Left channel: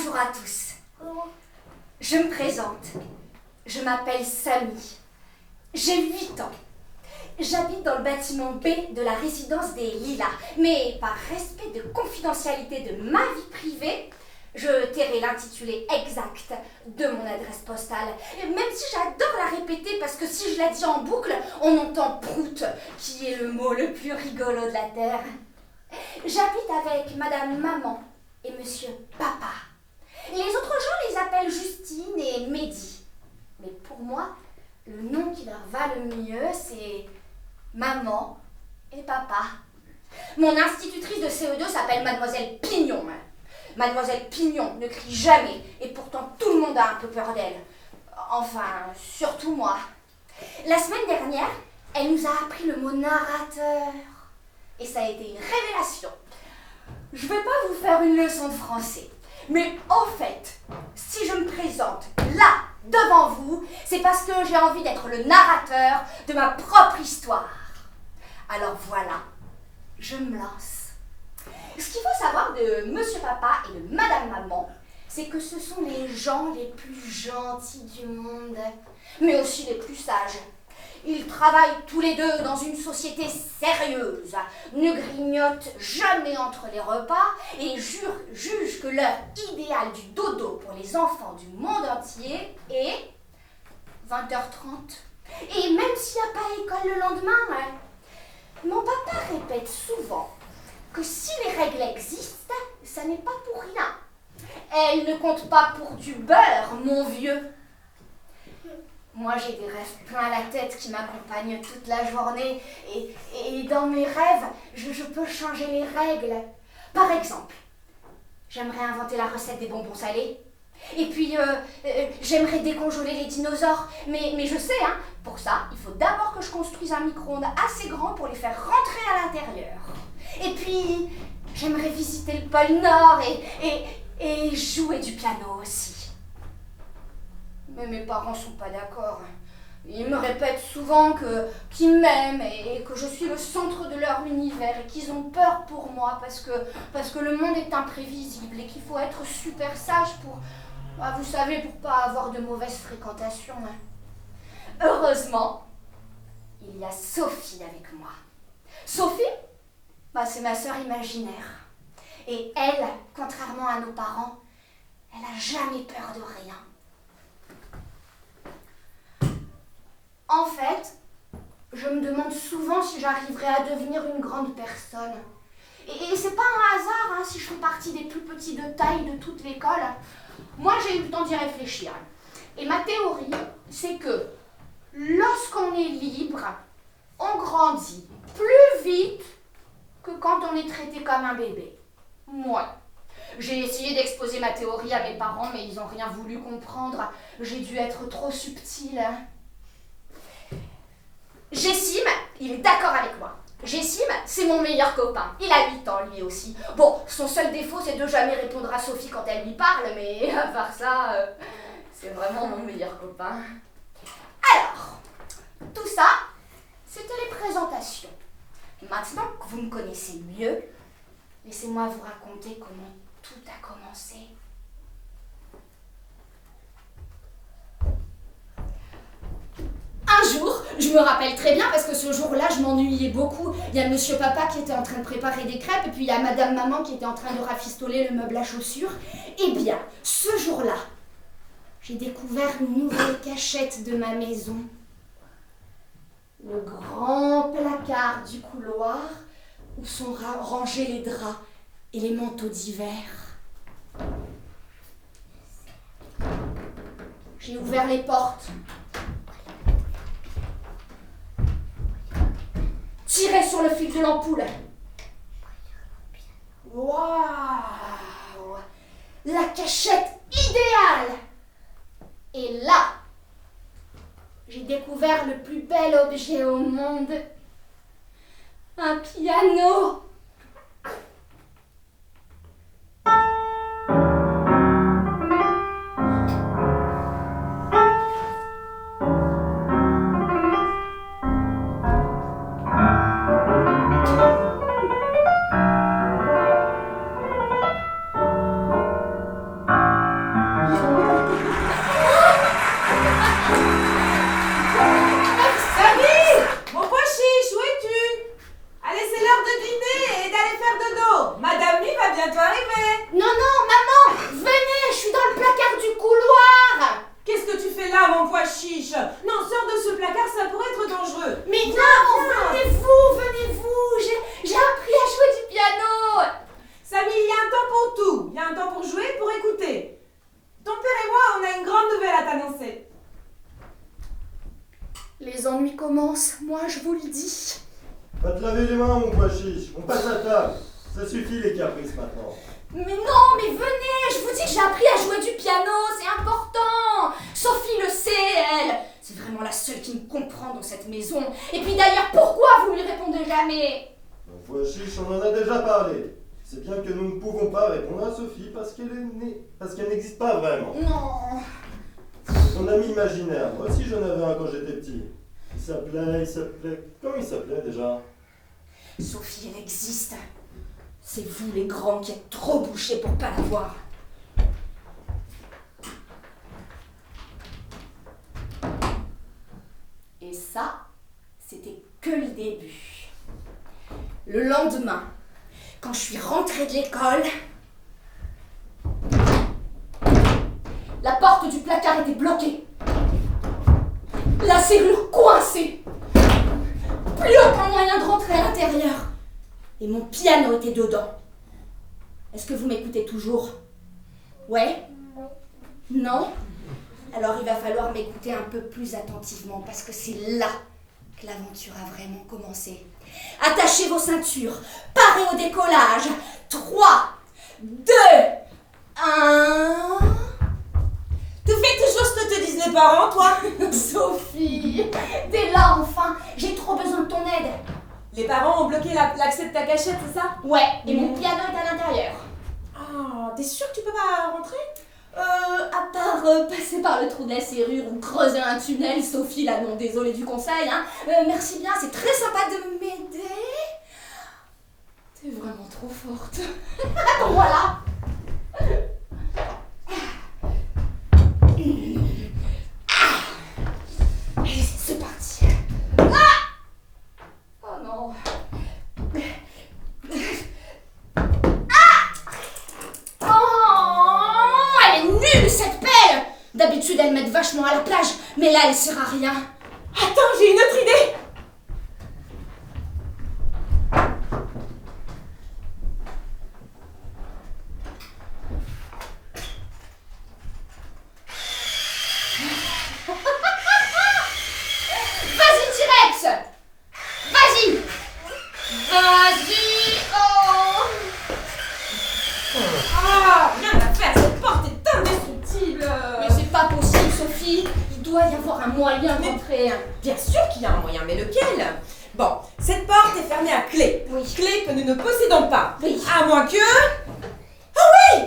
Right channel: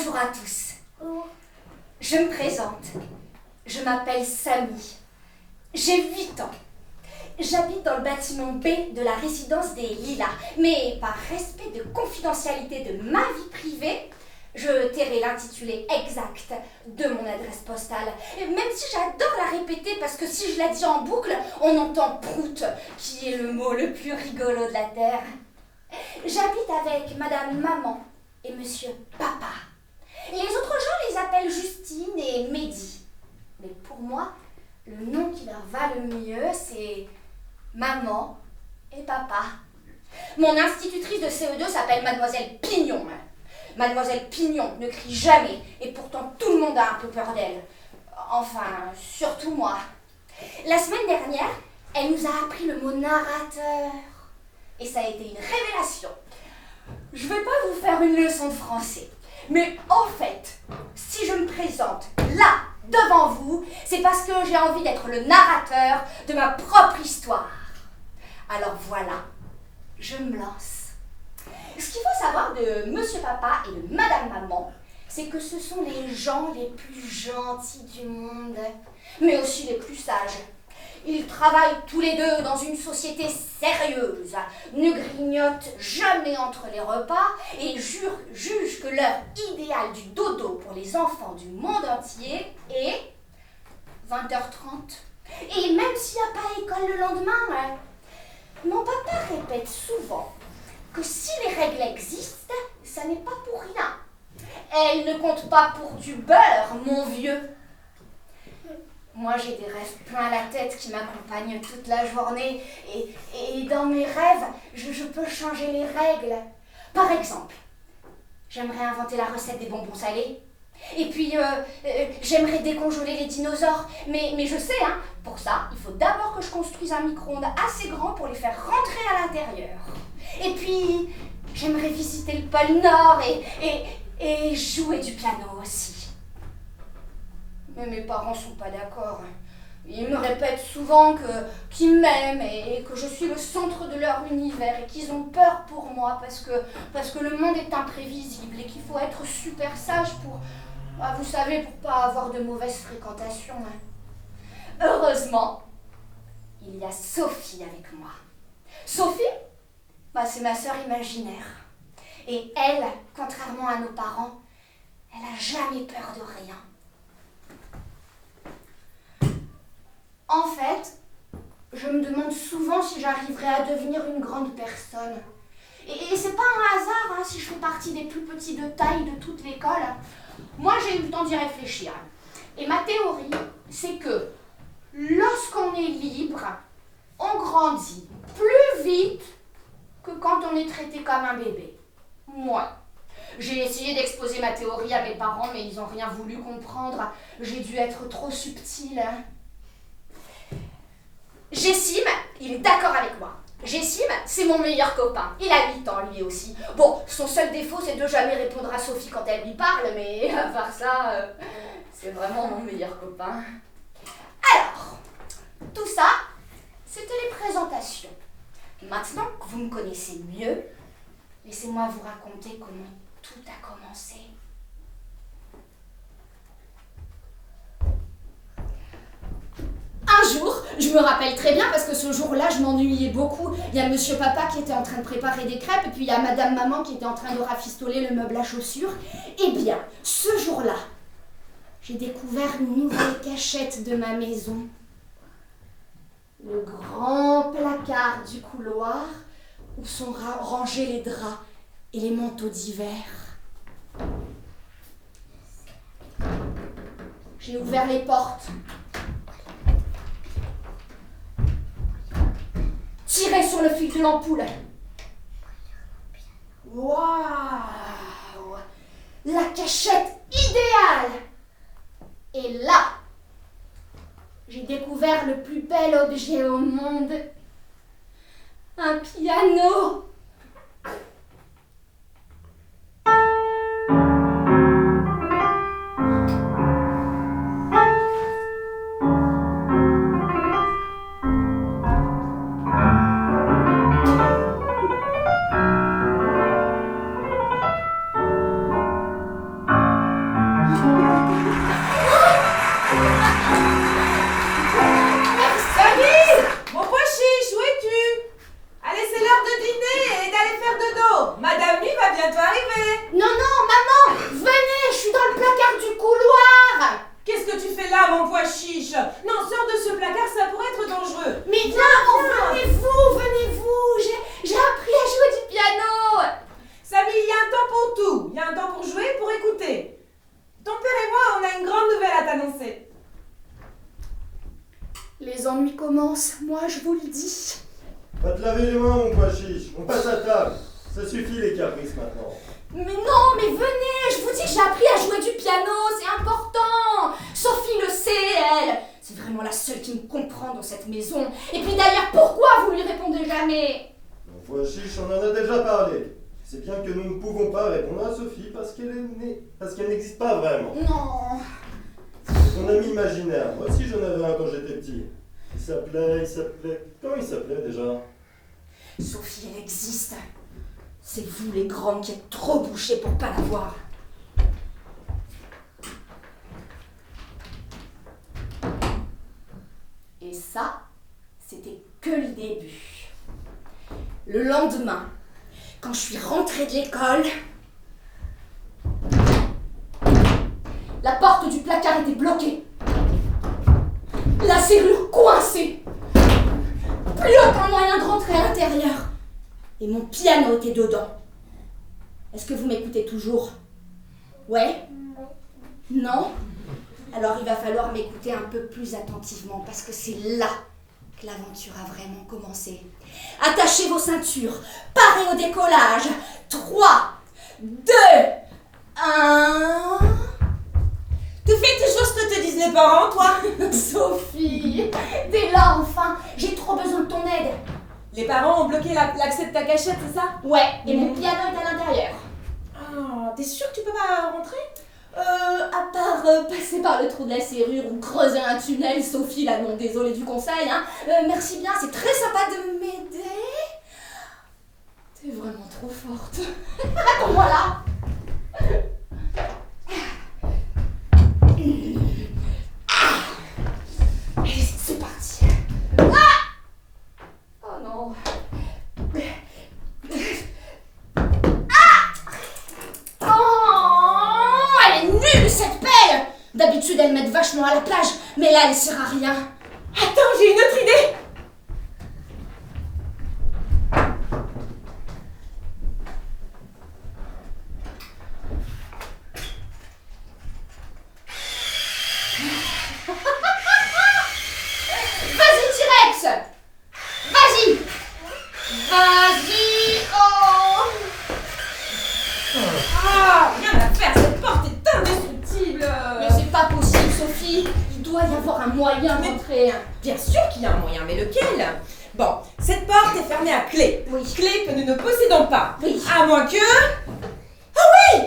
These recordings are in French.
Bonjour à tous. Je me présente. Je m'appelle Samy. J'ai 8 ans. J'habite dans le bâtiment B de la résidence des Lilas. Mais par respect de confidentialité de ma vie privée, je tairai l'intitulé exact de mon adresse postale. Même si j'adore la répéter parce que si je la dis en boucle, on entend prout, qui est le mot le plus rigolo de la terre. J'habite avec Madame Maman et Monsieur Papa. Les autres gens les appellent Justine et Mehdi. Mais pour moi, le nom qui leur va le mieux, c'est Maman et Papa. Mon institutrice de CE2 s'appelle Mademoiselle Pignon. Mademoiselle Pignon ne crie jamais, et pourtant tout le monde a un peu peur d'elle. Enfin, surtout moi. La semaine dernière, elle nous a appris le mot narrateur. Et ça a été une révélation. Je ne vais pas vous faire une leçon de français. Mais en fait, si je me présente là, devant vous, c'est parce que j'ai envie d'être le narrateur de ma propre histoire. Alors voilà, je me lance. Ce qu'il faut savoir de Monsieur Papa et de Madame Maman, c'est que ce sont les gens les plus gentils du monde, mais aussi les plus sages. Ils travaillent tous les deux dans une société sérieuse, ne grignotent jamais entre les repas et jugent que l'heure idéale du dodo pour les enfants du monde entier est 20h30. Et même s'il n'y a pas école le lendemain, mon papa répète souvent que si les règles existent, ça n'est pas pour rien. Elles ne comptent pas pour du beurre, mon vieux. Moi, j'ai des rêves plein la tête qui m'accompagnent toute la journée. Et dans mes rêves, je peux changer les règles. Par exemple, j'aimerais inventer la recette des bonbons salés. Et puis, j'aimerais décongeler les dinosaures. Mais je sais, pour ça, il faut d'abord que je construise un micro-ondes assez grand pour les faire rentrer à l'intérieur. Et puis, j'aimerais visiter le pôle Nord et jouer du piano aussi. Mais mes parents sont pas d'accord. Ils me répètent souvent qu'ils m'aiment et que je suis le centre de leur univers et qu'ils ont peur pour moi parce que le monde est imprévisible et qu'il faut être super sage pour, vous savez, pour pas avoir de mauvaises fréquentations. Heureusement, il y a Sophie avec moi. Sophie, c'est ma sœur imaginaire. Et elle, contrairement à nos parents, elle n'a jamais peur de rien. En fait, je me demande souvent si j'arriverai à devenir une grande personne. Et c'est pas un hasard si je fais partie des plus petits de taille de toute l'école. Moi, j'ai eu le temps d'y réfléchir. Et ma théorie, c'est que lorsqu'on est libre, on grandit plus vite que quand on est traité comme un bébé. Moi. J'ai essayé d'exposer ma théorie à mes parents, mais ils n'ont rien voulu comprendre. J'ai dû être trop subtile. Jessim, il est d'accord avec moi. Jessim, c'est mon meilleur copain. Il a 8 ans, lui aussi. Bon, son seul défaut, c'est de jamais répondre à Sophie quand elle lui parle, mais à part ça, c'est vraiment mon meilleur copain. Alors, tout ça, c'était les présentations. Maintenant que vous me connaissez mieux, laissez-moi vous raconter comment tout a commencé. Un jour, je me rappelle très bien parce que ce jour-là, je m'ennuyais beaucoup. Il y a Monsieur Papa qui était en train de préparer des crêpes et puis il y a Madame Maman qui était en train de rafistoler le meuble à chaussures. Eh bien, ce jour-là, j'ai découvert une nouvelle cachette de ma maison. Le grand placard du couloir où sont rangés les draps et les manteaux d'hiver. J'ai ouvert les portes. Tiré sur le fil de l'ampoule. Waouh! La cachette idéale! Et là, j'ai découvert le plus bel objet au monde. Un piano! Samy! Mon pois chiche, où es-tu? Allez, c'est l'heure de dîner et d'aller faire dodo. Madame Mi va bientôt arriver. Non, non, maman, venez, je suis dans le placard du couloir. Qu'est-ce que tu fais là, mon pois chiche? Non, sors de ce placard, ça pourrait être dangereux. Mais non, venez-vous, j'ai appris à jouer du piano. Samy, il y a un temps pour tout. Il y a un temps pour jouer et pour écouter. Ton père et moi, on a une grande nouvelle à t'annoncer. Les ennuis commencent, moi je vous le dis. Va te laver les mains, mon pois chiche. On passe à table. Ça suffit les caprices maintenant. Mais non, mais venez, je vous dis que j'ai appris à jouer du piano, c'est important. Sophie le sait, elle. C'est vraiment la seule qui me comprend dans cette maison. Et puis d'ailleurs, pourquoi vous lui répondez jamais? Mon pois chiche, on en a déjà parlé. C'est bien que nous ne pouvons pas répondre à Sophie parce qu'elle n'existe pas vraiment. Non. C'est son ami imaginaire. Moi aussi j'en avais un quand j'étais petit. Il s'appelait... Comment il s'appelait déjà? Sophie, elle existe. C'est vous les grands qui êtes trop bouchés pour pas la voir. Et ça, c'était que le début. Le lendemain, quand je suis rentrée de l'école, la porte du placard était bloquée. La serrure coincée. Plus aucun moyen de rentrer à l'intérieur. Et mon piano était dedans. Est-ce que vous m'écoutez toujours? Ouais? Non? Alors il va falloir m'écouter un peu plus attentivement parce que c'est là que l'aventure a vraiment commencé. Attachez vos ceintures, parez au décollage. 3, 2, 1... Tu fais toujours ce que te disent les parents, toi? Sophie, t'es là enfin. J'ai trop besoin de ton aide. Les parents ont bloqué l'accès de ta cachette, c'est ça? Ouais, et mon piano est à l'intérieur. Ah, t'es sûre que tu peux pas rentrer? À part passer par le trou de la serrure ou creuser un tunnel, Sophie, là, non, désolée du conseil, hein. Merci bien, c'est très sympa de m'aider. T'es vraiment trop forte. Attends-moi là. Allez, c'est parti. Ah! Oh non. Oh, elle est nulle cette pelle. D'habitude elle m'aide vachement à la plage, mais là elle sert à rien. Attends, j'ai une autre idée. Vas-y T-Rex. Vas-y. Vas-y. Oh. Ah, rien à faire, cette porte est indestructible. Mais c'est pas possible Sophie. Il doit y avoir un moyen d'entrer. Bien sûr qu'il y a un moyen, mais lequel? Bon, cette porte est fermée à clé. Oui. Clé que nous ne possédons pas. Oui. À moins que... Ah oui!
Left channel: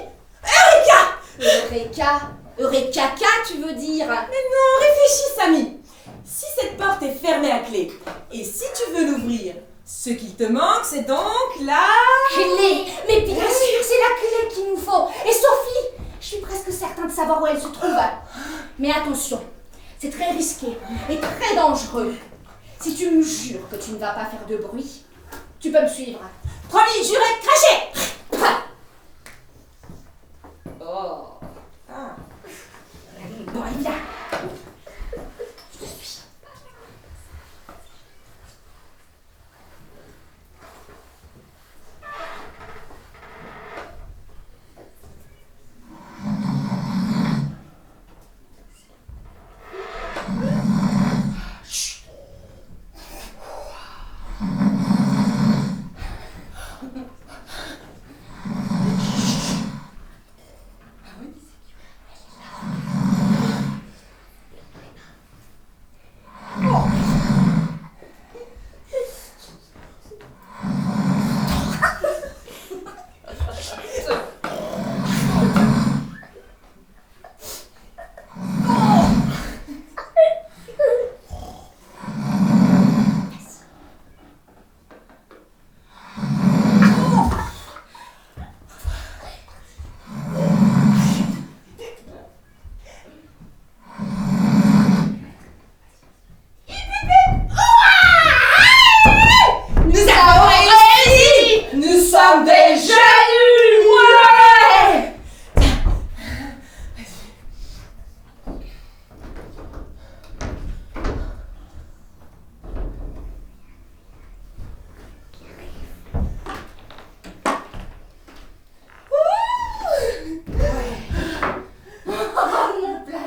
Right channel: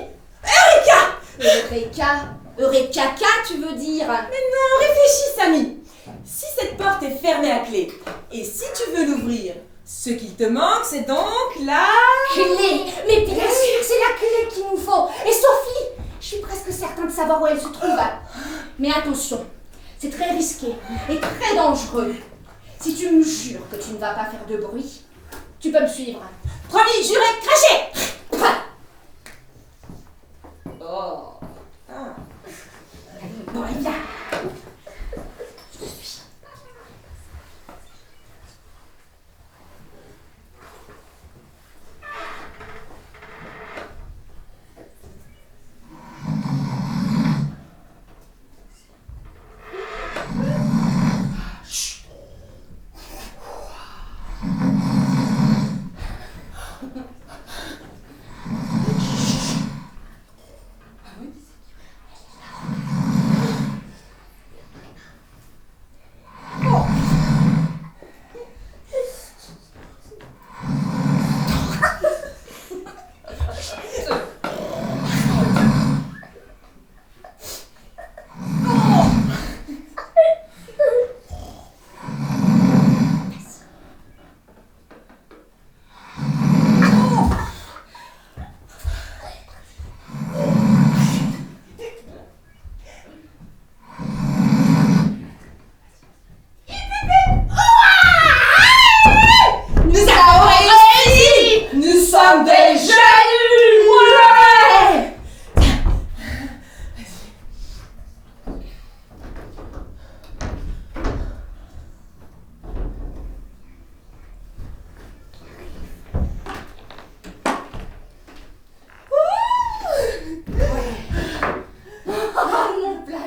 Eureka! Eureka, tu veux dire? Mais non, réfléchis, Samy. Si cette porte est fermée à clé, et si tu veux l'ouvrir, ce qu'il te manque, c'est donc la... Clé. Mais bien sûr, c'est la clé qu'il nous faut. Et Sophie, je suis presque certain de savoir où elle se trouve. Mais attention, c'est très risqué et très dangereux. Si tu me jures que tu ne vas pas faire de bruit, tu peux me suivre. Promis, juré, craché. Oh. Ah. Bon, allez, viens.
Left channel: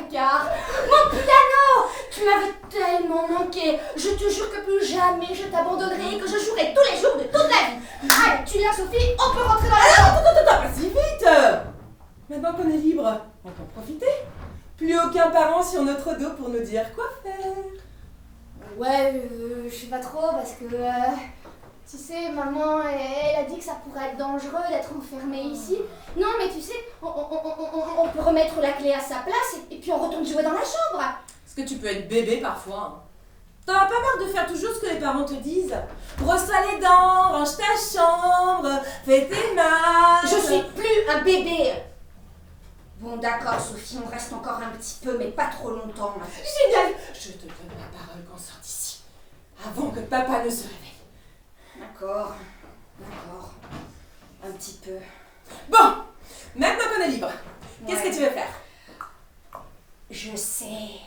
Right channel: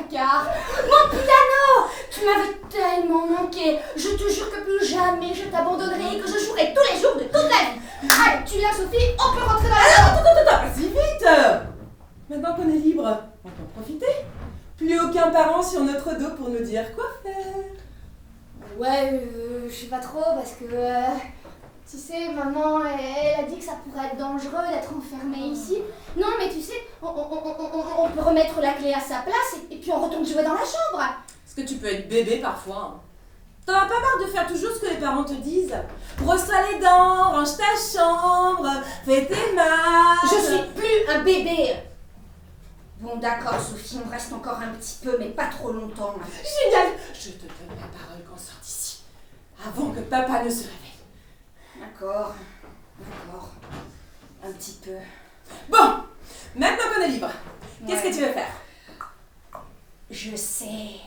placard. Mon piano! Tu m'avais tellement manqué. Je te jure que plus jamais je t'abandonnerai et que je jouerai tous les jours de toute la vie. Allez, tu viens Sophie, on peut rentrer dans la maison. Attends, pas si vite. Maintenant qu'on est libre, on peut en profiter. Plus aucun parent sur notre dos pour nous dire quoi faire. Ouais, je sais pas trop parce que... tu sais, maman, elle a dit que ça pourrait être dangereux d'être enfermée ici. Non, mais tu sais, on peut remettre la clé à sa place et puis on retourne jouer dans la chambre. Parce que tu peux être bébé parfois. Hein. T'en as pas marre de faire toujours ce que les parents te disent? Brosse-toi les dents, range ta chambre, fais tes masques. Je suis plus un bébé. Bon, d'accord, Sophie, on reste encore un petit peu, mais pas trop longtemps. Génial. Je te donne ma parole qu'on sorte d'ici, avant que papa ne se réveille. D'accord. Un petit peu. Bon, maintenant qu'on est libre, qu'est-ce que tu veux faire? Je sais.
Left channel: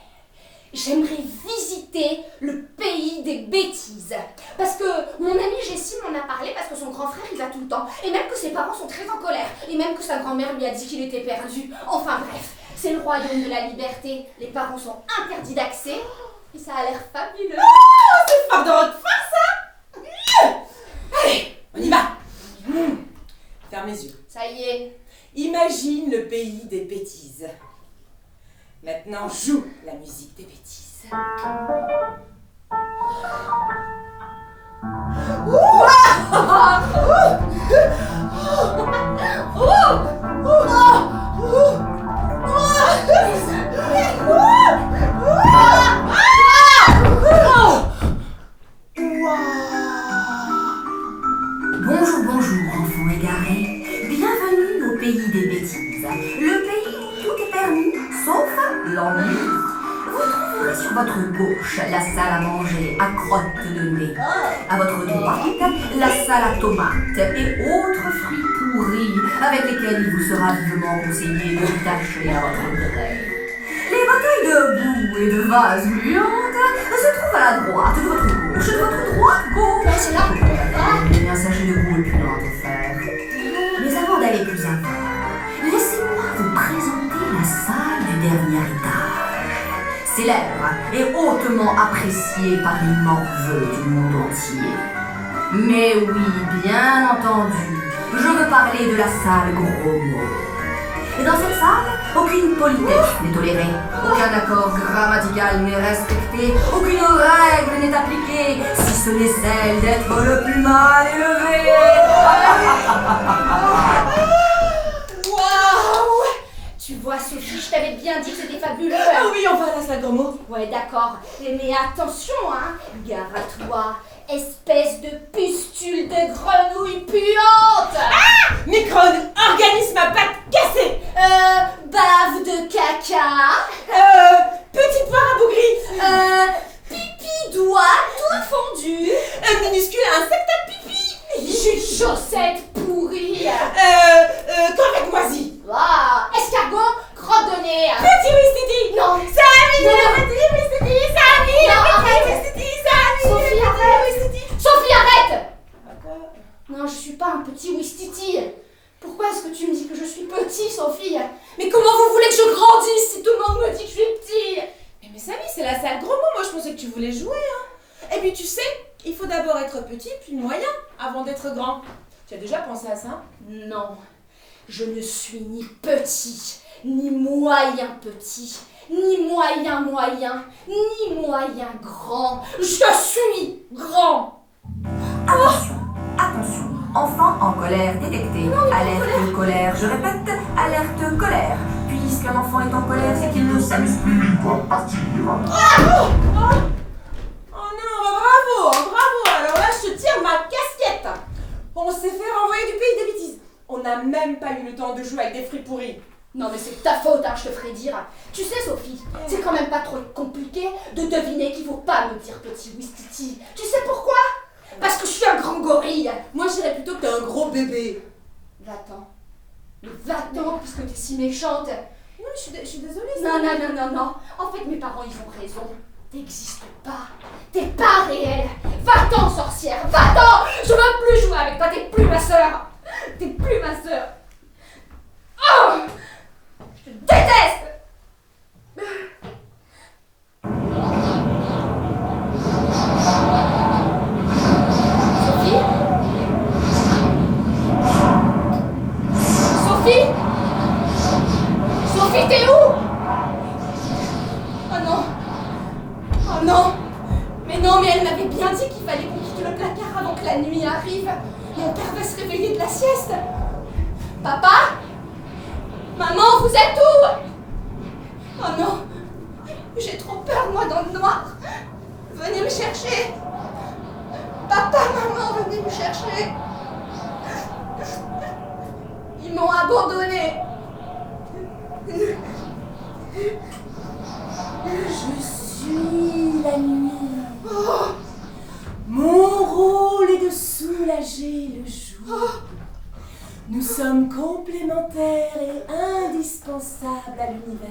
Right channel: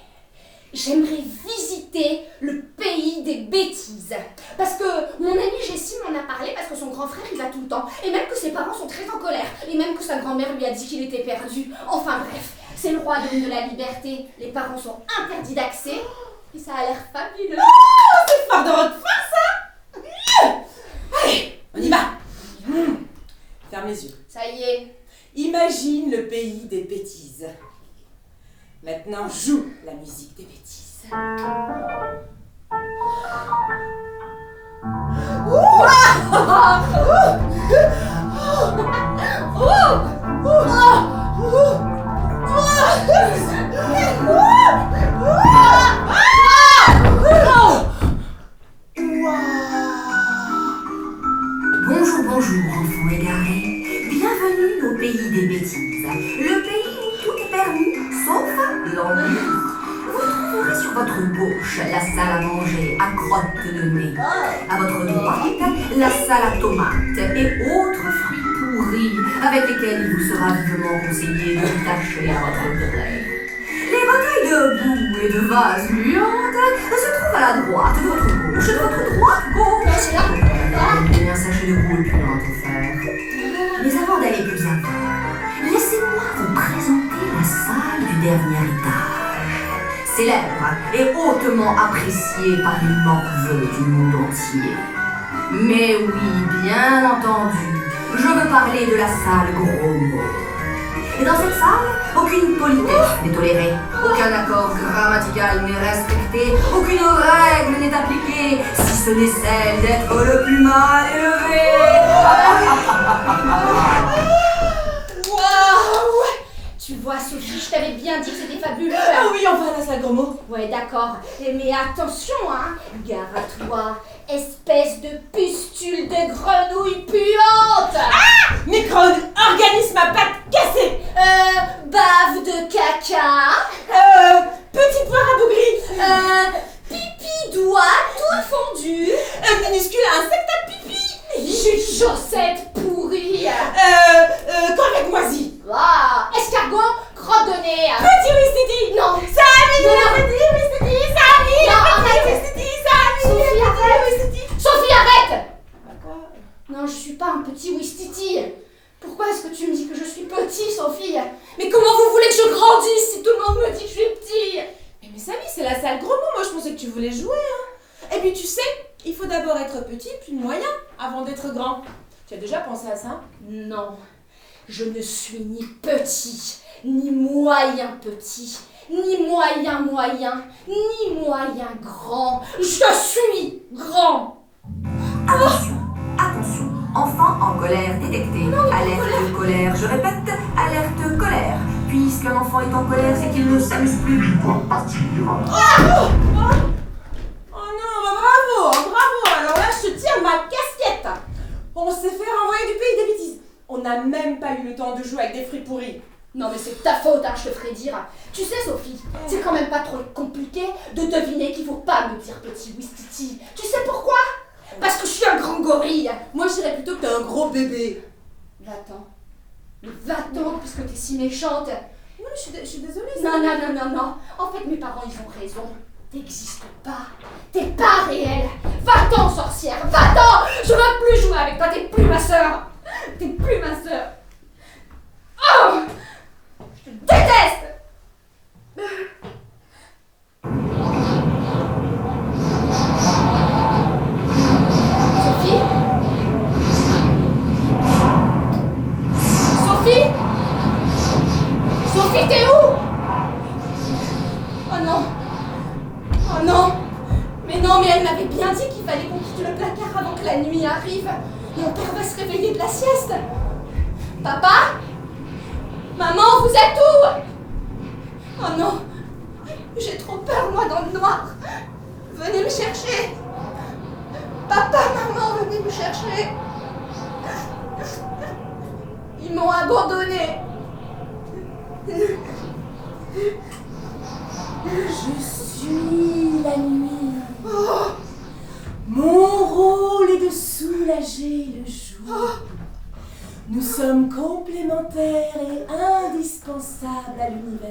J'aimerais visiter le pays des bêtises. Parce que mon amie Jessie m'en a parlé parce que son grand frère y va tout le temps. Et même que ses parents sont très en colère. Et même que sa grand-mère lui a dit qu'il était perdu. Enfin bref, c'est le royaume de la liberté. Les parents sont interdits d'accès. Et ça a l'air fabuleux. Oh, c'est fort de votre part, ça. Allez, on y va. Ferme les yeux. Ça y est. Imagine le pays des bêtises. Maintenant, joue la musique des bêtises. Bonjour, enfants égarés. Bienvenue au pays des bêtises. Le pays où tout est permis, sauf l'ennui. Vous trouverez sur votre gauche la salle à manger à crotte de nez. À votre droite, la salle à tomates et autres fruits pourris avec lesquels il vous sera vivement conseillé de vous tâcher à votre oreille. Les bouteilles de boue et de vases gluantes se trouvent à la droite de votre gauche, de votre droite gauche. Non, c'est là. Un sachet de boue et puis en faire. Mais avant d'aller plus avant, laissez-moi vous présenter la salle du dernier étage. Célèbre et hautement appréciée par les morveux du monde entier. Mais oui, bien entendu, je veux parler de la salle Gros Mots. Et dans cette salle, aucune politesse n'est tolérée, aucun accord grammatical n'est respecté, aucune règle n'est appliquée, si ce n'est celle d'être le plus mal élevé. Waouh! Tu vois, Sophie, je t'avais bien dit que c'était fabuleux. Ah oui, on va à la salle Gros Mots. Ouais, d'accord. Mais attention, hein. Gare à toi, espèce de pustule de grenouille puante. Micro-organisme à pattes cassées. Bave de caca. Petite poire à bougris. Pipi doigt tout fondu. Minuscule insecte à pipi. Jus de chaussette pourrie. Collègue moisi. Ah, escargot, crotte de nez. Petit wistiti. Non. Samy. Non. Petit wistiti. Samy. Non, arrête. Petit wistiti. Samy. Sophie, arrête. Wistiti. Sophie, arrête. Quoi? Non, je suis pas un petit wistiti. Pourquoi est-ce que tu me dis que je suis petit, Sophie? Mais comment vous voulez que je grandisse si tout le monde me dit que je suis petit? Mais Samy, c'est la salle Gros Mots. Moi, je pensais que tu voulais jouer. Hein. Et puis, tu sais, il faut d'abord être petit, puis moyen, avant d'être grand. Tu as déjà pensé à ça? Non, je ne suis ni petit, ni moyen petit, ni moyen moyen, ni moyen grand. Je suis grand. Attention, enfant en colère détecté. Non, on est pas en alerte colère, je répète, alerte colère. Puisqu'un enfant est en colère, c'est qu'il ne s'amuse plus. Oh non, bravo. Alors là, je te tire ma casquette. On s'est fait renvoyer du pays des bêtises. On n'a même pas eu le temps de jouer avec des fruits pourris. Non mais c'est ta faute, hein, je te ferai dire. Tu sais Sophie, c'est quand même pas trop compliqué de deviner qu'il faut pas me dire petit wistiti. Tu sais pourquoi? Parce que je suis un grand gorille. Moi, je dirais plutôt que t'es un gros bébé. Va-t'en. Mais va-t'en puisque t'es si méchante. Non, je suis désolée. Non. En fait, mes parents, ils ont raison. T'existes pas. T'es pas réelle. Va-t'en, sorcière. Va-t'en. Je veux plus jouer avec toi. T'es plus ma sœur. T'es plus ma sœur. Oh, je te déteste. Oh non. Oh non. Mais non, mais elle m'avait bien dit qu'il fallait qu'on quitte le placard avant que la nuit arrive. Mon père va se réveiller de la sieste. Papa? Maman, vous êtes où? Oh non. J'ai trop peur, moi, dans le noir. Venez me chercher. Papa, maman, venez me chercher. Ils m'ont abandonnée. Je suis la nuit. Oh, Mon rôle est de soulager le jour. oh. Nous sommes complémentaires et indispensables à l'univers.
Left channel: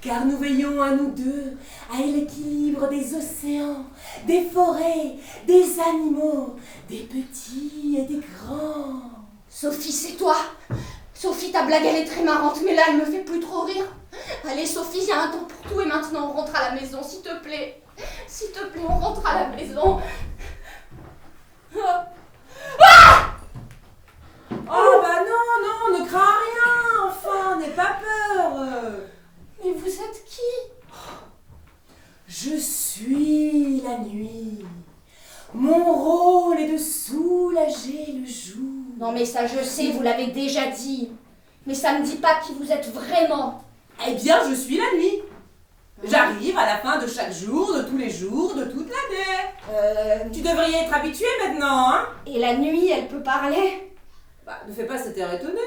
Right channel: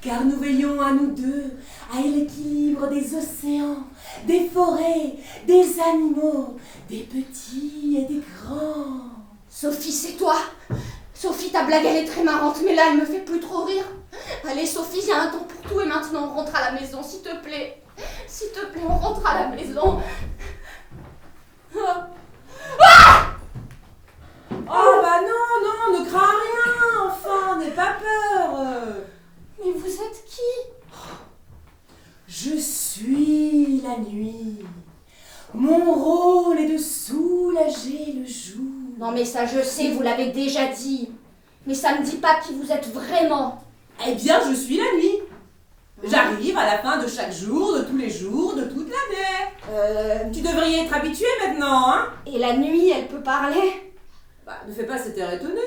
Car nous veillons à nous deux, à l'équilibre des océans, des forêts, des animaux, des petits et des grands. Sophie, c'est toi. Sophie, ta blague, elle est très marrante, mais là, elle me fait plus trop rire. Allez, Sophie, il y a un temps pour tout et maintenant, on rentre à la maison, s'il te plaît. S'il te plaît, on rentre à la maison. Oh bah non, ne crains rien, enfin, n'aie pas peur. Mais vous êtes qui? Je suis la nuit. Mon rôle est de soulager le jour. Non, mais ça, je sais, vous l'avez déjà dit. Mais ça me dit pas qui vous êtes vraiment. Eh bien, je suis la nuit. J'arrive à la fin de chaque jour, de tous les jours, de toute l'année. Tu devrais y être habitué maintenant, hein? Et la nuit, elle peut parler? Bah, ne fais pas cet air étonné.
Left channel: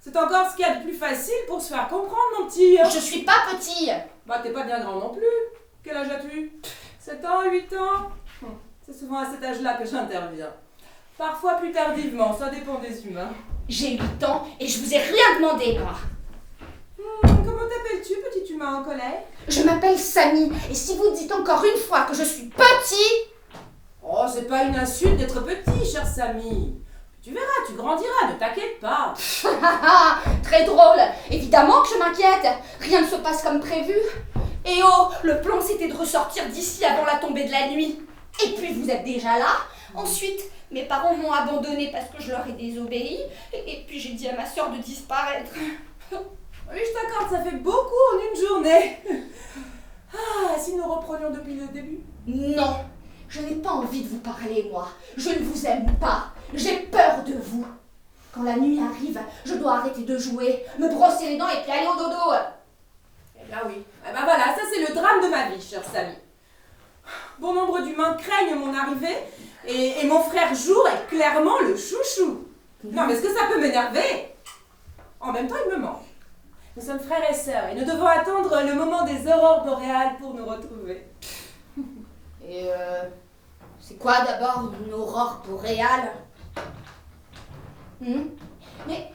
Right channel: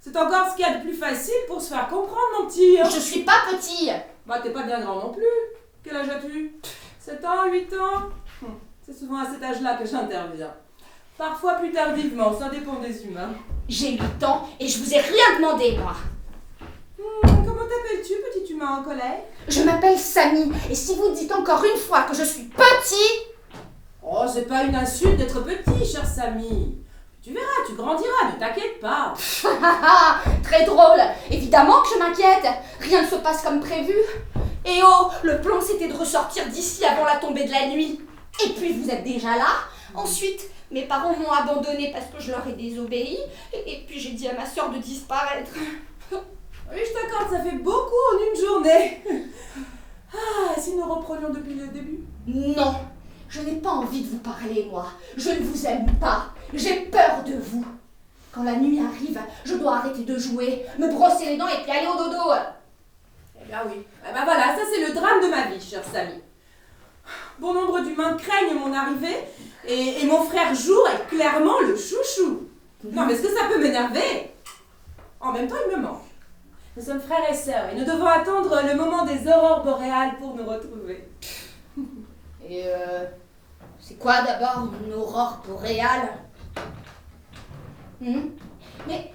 C'est encore ce qu'il y a de plus facile pour se faire comprendre, mon petit. Hein? Je suis pas petit. Bah, t'es pas bien grand non plus. Quel âge as-tu? 7 ans, 8 ans? C'est souvent à cet âge-là que j'interviens. Parfois plus tardivement, ça dépend des humains. J'ai 8 ans et je vous ai rien demandé, moi. Comment t'appelles-tu, petit humain en colère? Je m'appelle Samy, et si vous dites encore une fois que je suis petit... Oh, c'est pas une insulte d'être petit, cher Samy. Tu verras, tu grandiras, ne t'inquiète pas. Très drôle. Évidemment que je m'inquiète. Rien ne se passe comme prévu. Et oh, le plan c'était de ressortir d'ici avant la tombée de la nuit. Et puis vous êtes déjà là. Ensuite, mes parents m'ont abandonnée parce que je leur ai désobéi. Et puis j'ai dit à ma soeur de disparaître. Oui, je t'accorde, ça fait beaucoup en une journée. Ah, si nous reprenions depuis le début? Non, je n'ai pas envie de vous parler, moi. Je ne vous aime pas. J'ai peur de vous. Quand la nuit arrive, je dois arrêter de jouer, me brosser les dents et puis aller au dodo. Eh bien oui. Eh ben voilà, ça c'est le drame de ma vie, cher Samy. Bon nombre d'humains craignent mon arrivée et mon frère Jour est clairement le chouchou. Non, mais est-ce que ça peut m'énerver? En même temps, il me manque. Nous sommes frères et sœurs et nous devons attendre le moment des aurores boréales pour nous retrouver. Et c'est quoi d'abord une aurore boréale? Mais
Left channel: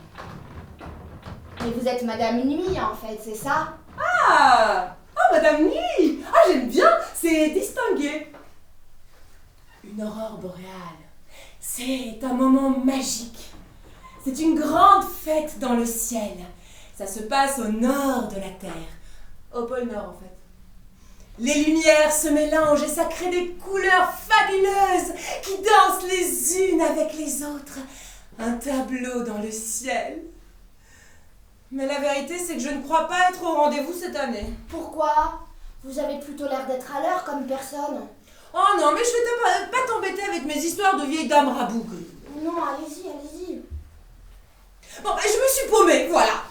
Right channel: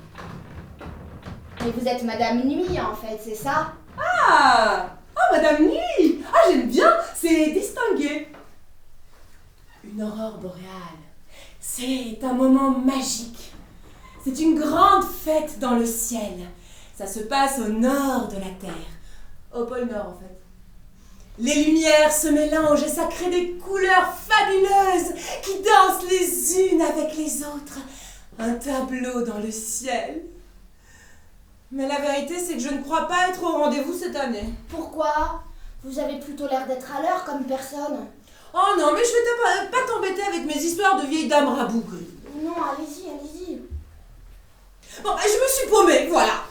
vous êtes Madame Nuit en fait, c'est ça? Ah, Madame Nuit. Ah, j'aime bien, c'est distingué. Une aurore boréale, c'est un moment magique. C'est une grande fête dans le ciel. Ça se passe au nord de la Terre, au pôle Nord en fait. Les lumières se mélangent et ça crée des couleurs fabuleuses qui dansent les unes avec les autres. Un tableau dans le ciel. Mais la vérité, c'est que je ne crois pas être au rendez-vous cette année. Pourquoi? Vous avez plutôt l'air d'être à l'heure comme personne. Oh non, mais je vais pas t'embêter avec mes histoires de vieilles dames rabougries. Non, allez-y, allez-y. Bon, je me suis paumée, voilà.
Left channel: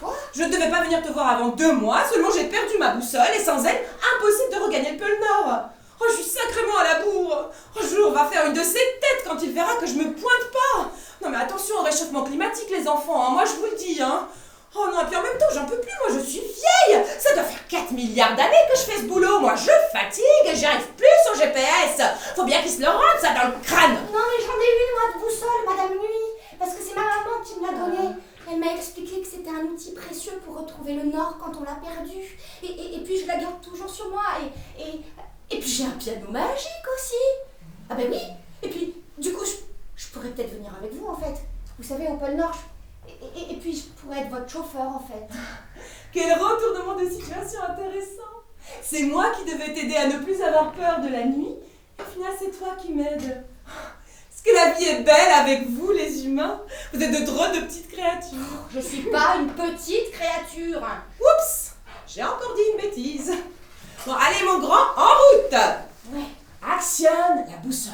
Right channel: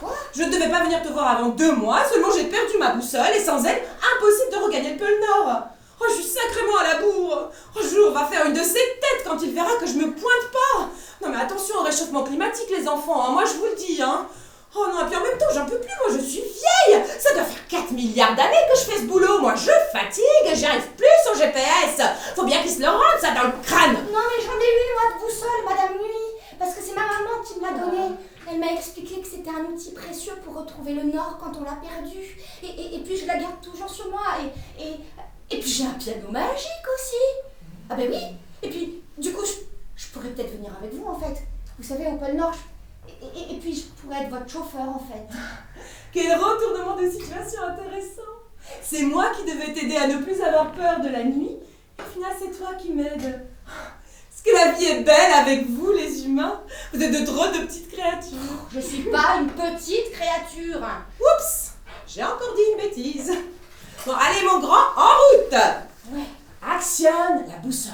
Quoi? Je ne devais pas venir te voir avant 2 mois, seulement j'ai perdu ma boussole et sans elle, impossible de regagner le pôle Nord. Oh, je suis sacrément à la bourre. Oh, Jour va faire une de ses têtes quand il verra que je me pointe pas. Non mais attention au réchauffement climatique les enfants, hein. Moi je vous le dis. Hein. Oh non, et puis en même temps j'en peux plus, moi je suis vieille. Ça doit faire 4 milliards d'années que je fais ce boulot. Moi je fatigue, j'arrive plus au GPS. Faut bien qu'il se le rende ça dans le crâne. Non mais j'en ai une moi de boussole, Madame Nuit, parce que c'est ma maman qui me l'a donnée. Elle m'a expliqué que c'était un outil précieux pour retrouver le nord quand on l'a perdu. Et puis je la garde toujours sur moi. Et puis j'ai un piano magique aussi. Ah ben oui. Et puis du coup je pourrais peut-être venir avec vous en fait. Vous savez au pôle Nord. Et puis je pourrais être votre chauffeur en fait. Quel retournement de situation intéressant. C'est moi qui devais t'aider à ne plus avoir peur de la nuit. Au final c'est toi qui m'aides. Est-ce que la vie est belle avec vous les humains? Vous êtes de drôles de petites créatures. Je suis pas une petite créature. Oups, j'ai encore dit une bêtise. Bon, allez, mon grand, en route. Ouais. Actionne la boussole.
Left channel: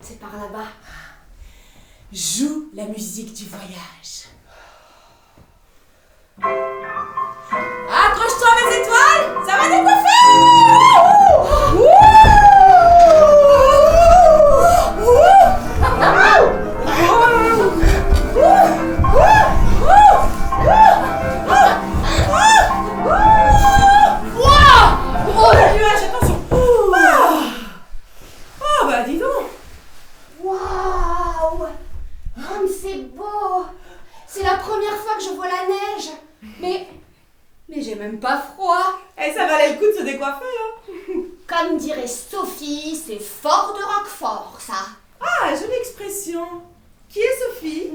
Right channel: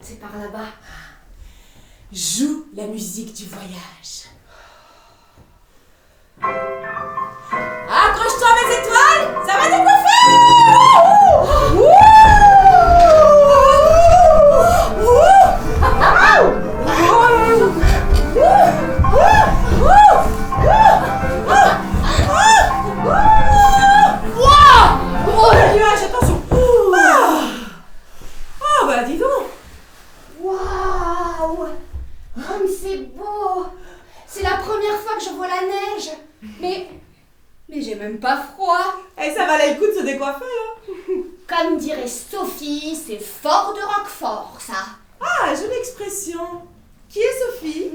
C'est par là-bas. Joue la musique du voyage. Accroche-toi mes étoiles, ça va décoiffer. Oh la nuage, attention. Ah bah dis donc. Waouh! Comme c'est beau! C'est la première fois que je vois la neige. Mais j'ai même pas froid. Et ça valait le coup de se décoiffer, hein. Comme dirait Sophie, c'est fort de Roquefort, ça. Ah, jolie expression. Qui est Sophie?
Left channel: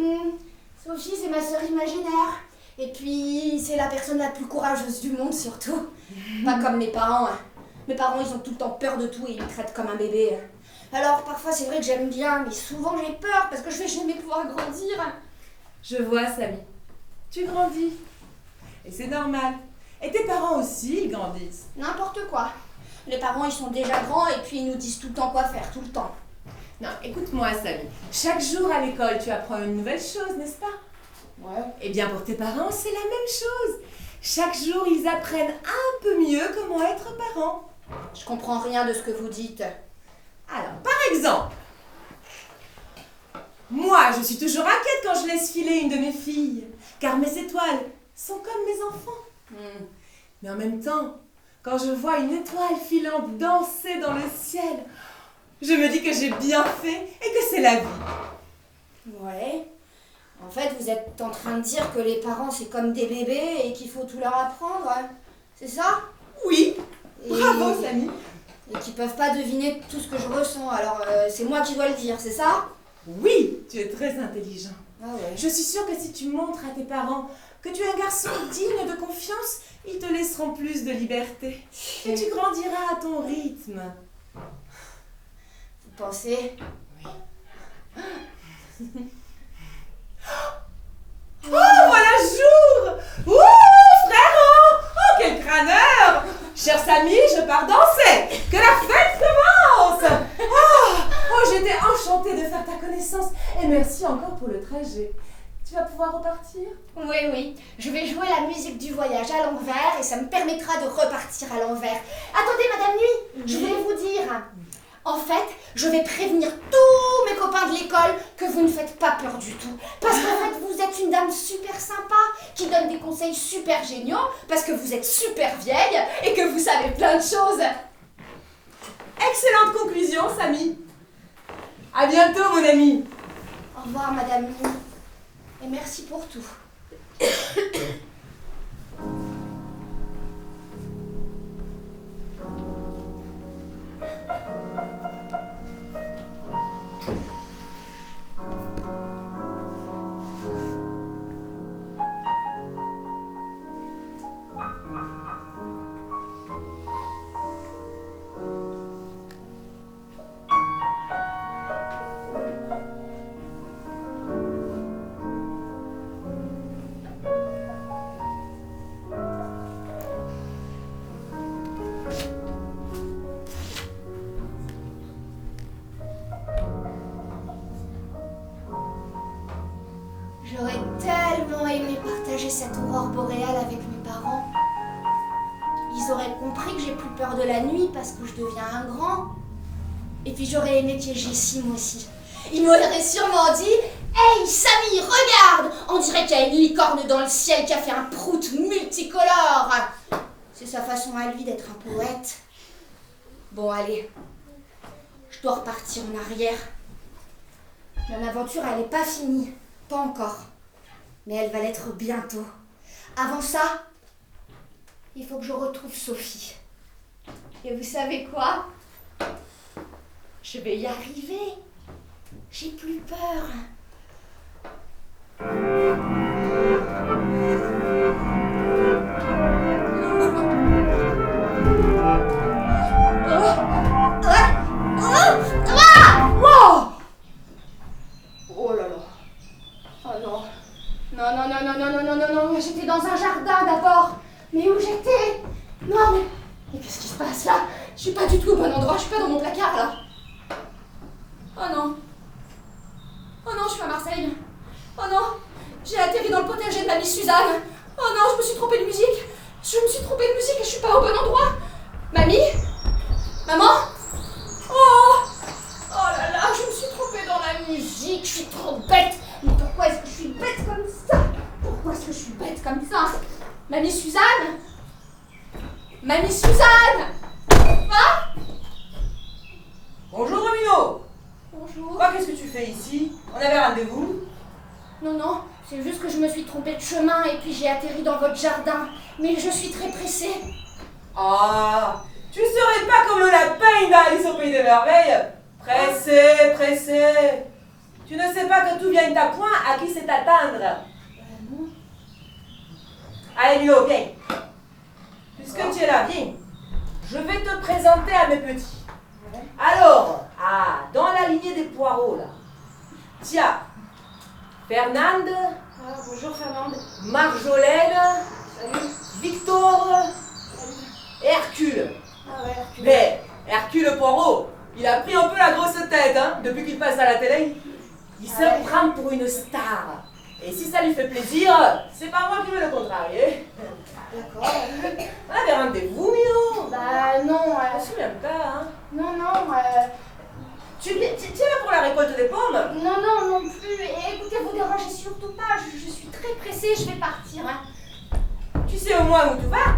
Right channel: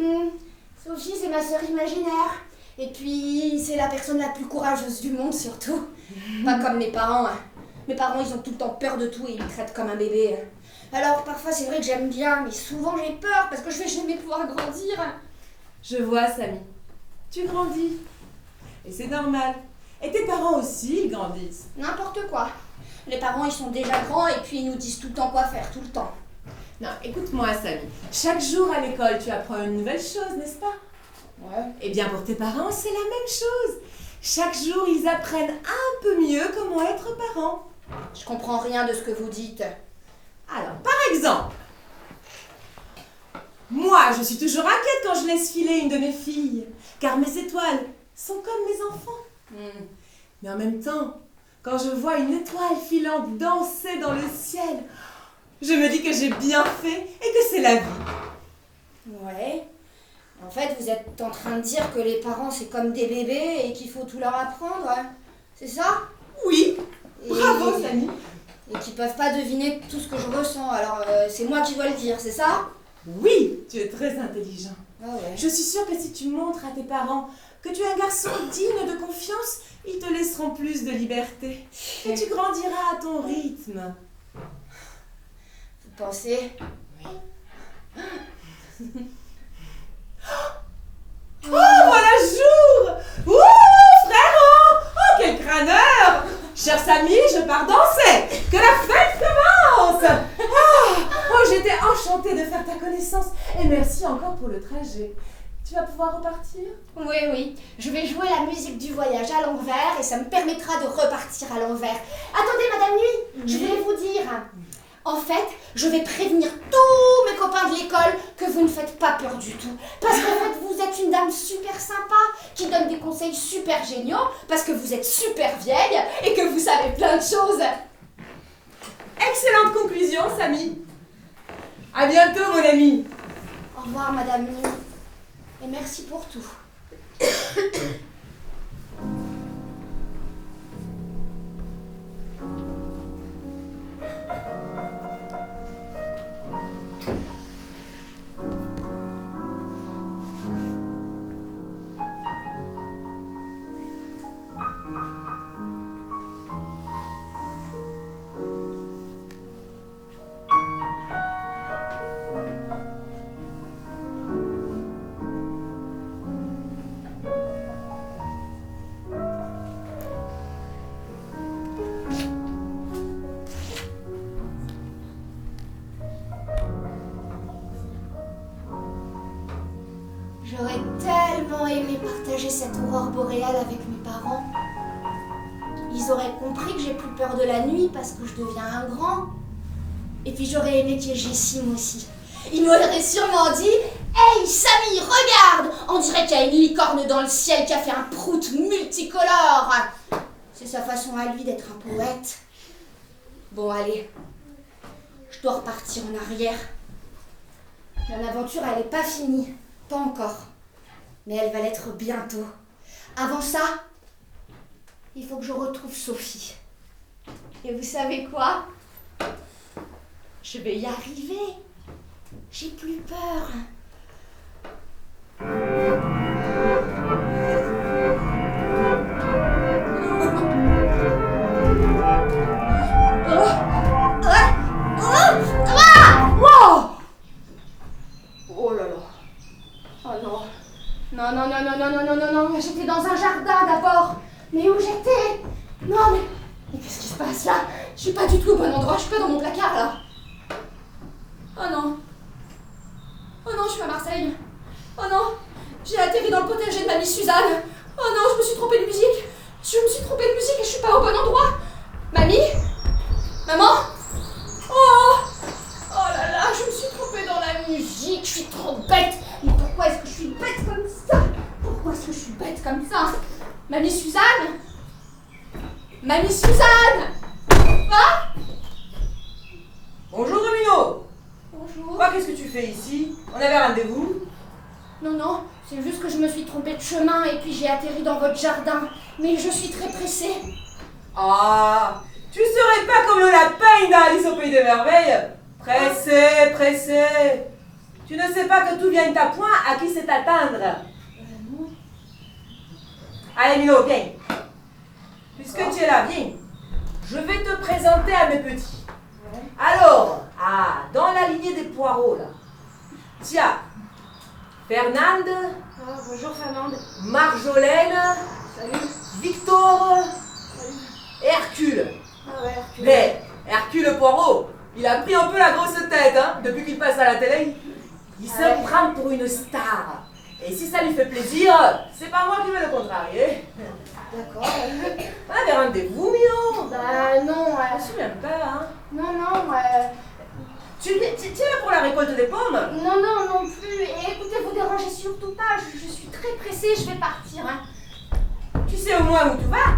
Sophie, c'est ma sœur imaginaire. Et puis, c'est la personne la plus courageuse du monde, surtout. Pas comme mes parents. Hein. Mes parents, ils ont tout le temps peur de tout et ils me traitent comme un bébé. Alors, parfois, c'est vrai que j'aime bien, mais souvent, j'ai peur parce que je vais jamais pouvoir grandir. Je vois, Samy. Tu grandis. Et c'est normal. Et tes parents aussi, ils grandissent. N'importe quoi. Les parents, ils sont déjà grands et puis ils nous disent tout le temps quoi faire, tout le temps. Non, écoute-moi, Samy. Chaque jour à l'école, tu apprends une nouvelle chose, n'est-ce pas? Ouais. Eh bien, pour tes parents, c'est la même chose. Chaque jour, ils apprennent un peu mieux comment être parents. Je comprends rien de ce que vous dites. Alors, par exemple, moi, je suis toujours inquiète quand je laisse filer une de mes filles, car mes étoiles sont comme mes enfants. Mais en même temps, quand je vois une étoile filante danser dans le ciel, je me dis que j'ai bien fait et que c'est la vie. Ouais. En fait, vous êtes en train de dire que les parents, c'est comme des bébés et qu'il faut tout leur apprendre. Hein. C'est ça? Oui, Et- bravo, Samy. Et qu'ils peuvent pas deviner tout ce que je ressens. Alors, c'est moi qui dois le dire, c'est ça? Oui, tu es très intelligent. Ah ouais. Je suis sûre que si tu montres à tes parents que tu es un garçon digne de confiance, ils te laisseront plus de liberté. Et tu grandiras à ton rythme. Vous pensez? Oh, voilà jour! Ouh, frérot! Oh, quel crâneur! Cher Samy, je pars danser! Que la fête commence! Oh, j'étais enchantée de faire ta connaissance. Et merci encore pour le trajet. Tu vas pouvoir repartir? Oui, oui. Je vais jouer la musique du voyage à l'envers et ça me permettra de repartir à l'envers. Attendez, Madame Nuit, je voulais vous dire. En fait, je vais prévenir tous mes copains de l'école que vous ne faites pas peur du tout. Parce qu'en fait, vous êtes une dame super sympa qui donne des conseils super géniaux parce que vous êtes super vieille et que vous savez plein de choses. Excellente conclusion, Samy. À bientôt, mon ami. Au revoir, Madame Nuit. Et merci pour tout. J'aurais tellement aimé partager cette aurore boréale avec mes parents. Ils auraient compris que j'ai plus peur de la nuit parce que je deviens un grand. Et puis j'aurais aimé qu'il y ait Jessim aussi. Il m'aurait sûrement dit « Hey Samy, regarde! On dirait qu'il y a une licorne dans le ciel qui a fait un prout multicolore !» C'est sa façon à lui d'être un poète. Bon allez, je dois repartir en arrière. Mon aventure, elle n'est pas finie. Pas encore. Mais elle va l'être bientôt. Avant ça, il faut que je retrouve Sophie. Et vous savez quoi? Je vais y arriver. J'ai plus peur. Wow! Oh là là. Oh non. Non, non, non, non, non, non, non, non, non, j'étais dans un jardin d'abord. Mais où j'étais? Non, mais qu'est-ce qui se passe là? Je suis pas du tout au bon endroit, je suis pas dans mon placard là. Oh non. Oh non, je suis à Marseille. Oh non, j'ai atterri dans le potager de mamie Suzanne. Oh non, je me suis trompée de musique. Je me suis trompée de musique et je suis pas au bon endroit. Mamie? Maman? Oh! Oh là là, je me suis trompée dans la musique, je suis trop bête. Mais pourquoi est-ce que je suis bête comme ça? Pourquoi est-ce que je suis bête comme ça? Mamie Suzanne? Mamie Suzanne? Hein? Bonjour Romino. Bonjour. Quoi, qu'est-ce que tu fais ici? On avait rendez-vous? Non, non, c'est juste que je me suis trompée de chemin et puis j'ai atterri dans votre jardin. Mais je suis très pressée. Ah, tu serais pas comme le lapin dans Alice au Pays des Merveilles? Pressé, pressé. Tu ne sais pas que tout vient à point à qui c'est attendre. Non. Allez Milo, viens. Puisque tu es là, viens. Je vais te présenter à mes petits. Alors, dans la lignée des poireaux là. Tiens, Fernande, Bonjour Fernande. Marjolaine, Salut. Victor Salut. et Hercule. Ah ouais, tu Mais Hercule Poirot, il a pris un peu la grosse tête hein, depuis qu'il passe à la télé. Il se Ouais. prend pour une star. Et si ça lui fait plaisir, c'est pas moi qui vais le contrarier. D'accord. Ah, mais rendez-vous, Mio. Bah non, Je me souviens pas, hein. non, non, Tu es là pour la récolte des pommes? non, non, non plus. Et écoutez, vous dérangez surtout pas, je suis très pressée, je vais partir. Hein. Tu sais au moins où tu vas?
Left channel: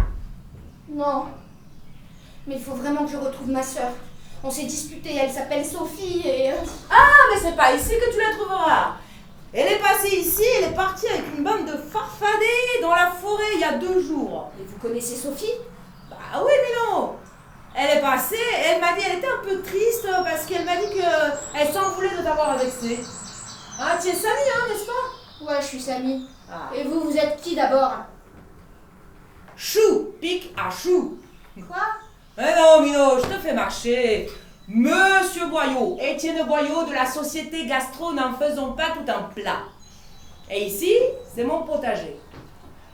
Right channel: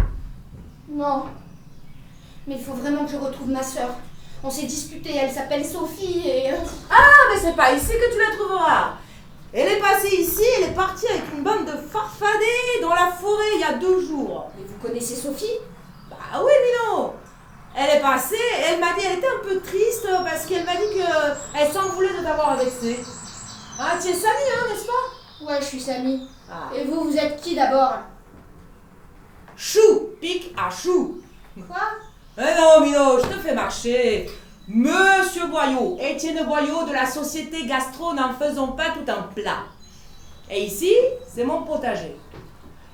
Non. Mais il faut vraiment que je retrouve ma sœur. On s'est disputé, elle s'appelle Sophie et... Ah, mais c'est pas ici que tu la trouveras. Elle est passée ici, elle est partie avec une bande de farfadets dans la forêt il y a 2 jours. Mais vous connaissez Sophie? Bah oui, mais non. Elle est passée, elle m'a dit, elle était un peu triste parce qu'elle m'a dit qu'elle s'en voulait de t'avoir vexé. Hein, tu es Samy, hein, n'est-ce pas? Ouais, je suis Samy. Ah. Et vous, vous êtes qui d'abord? Chou, pique à chou. Quoi? Eh non, Mino, je te fais marcher. Monsieur Boyau, Étienne Boyau de la société Gastro, n'en faisons pas tout un plat. Et ici, c'est mon potager.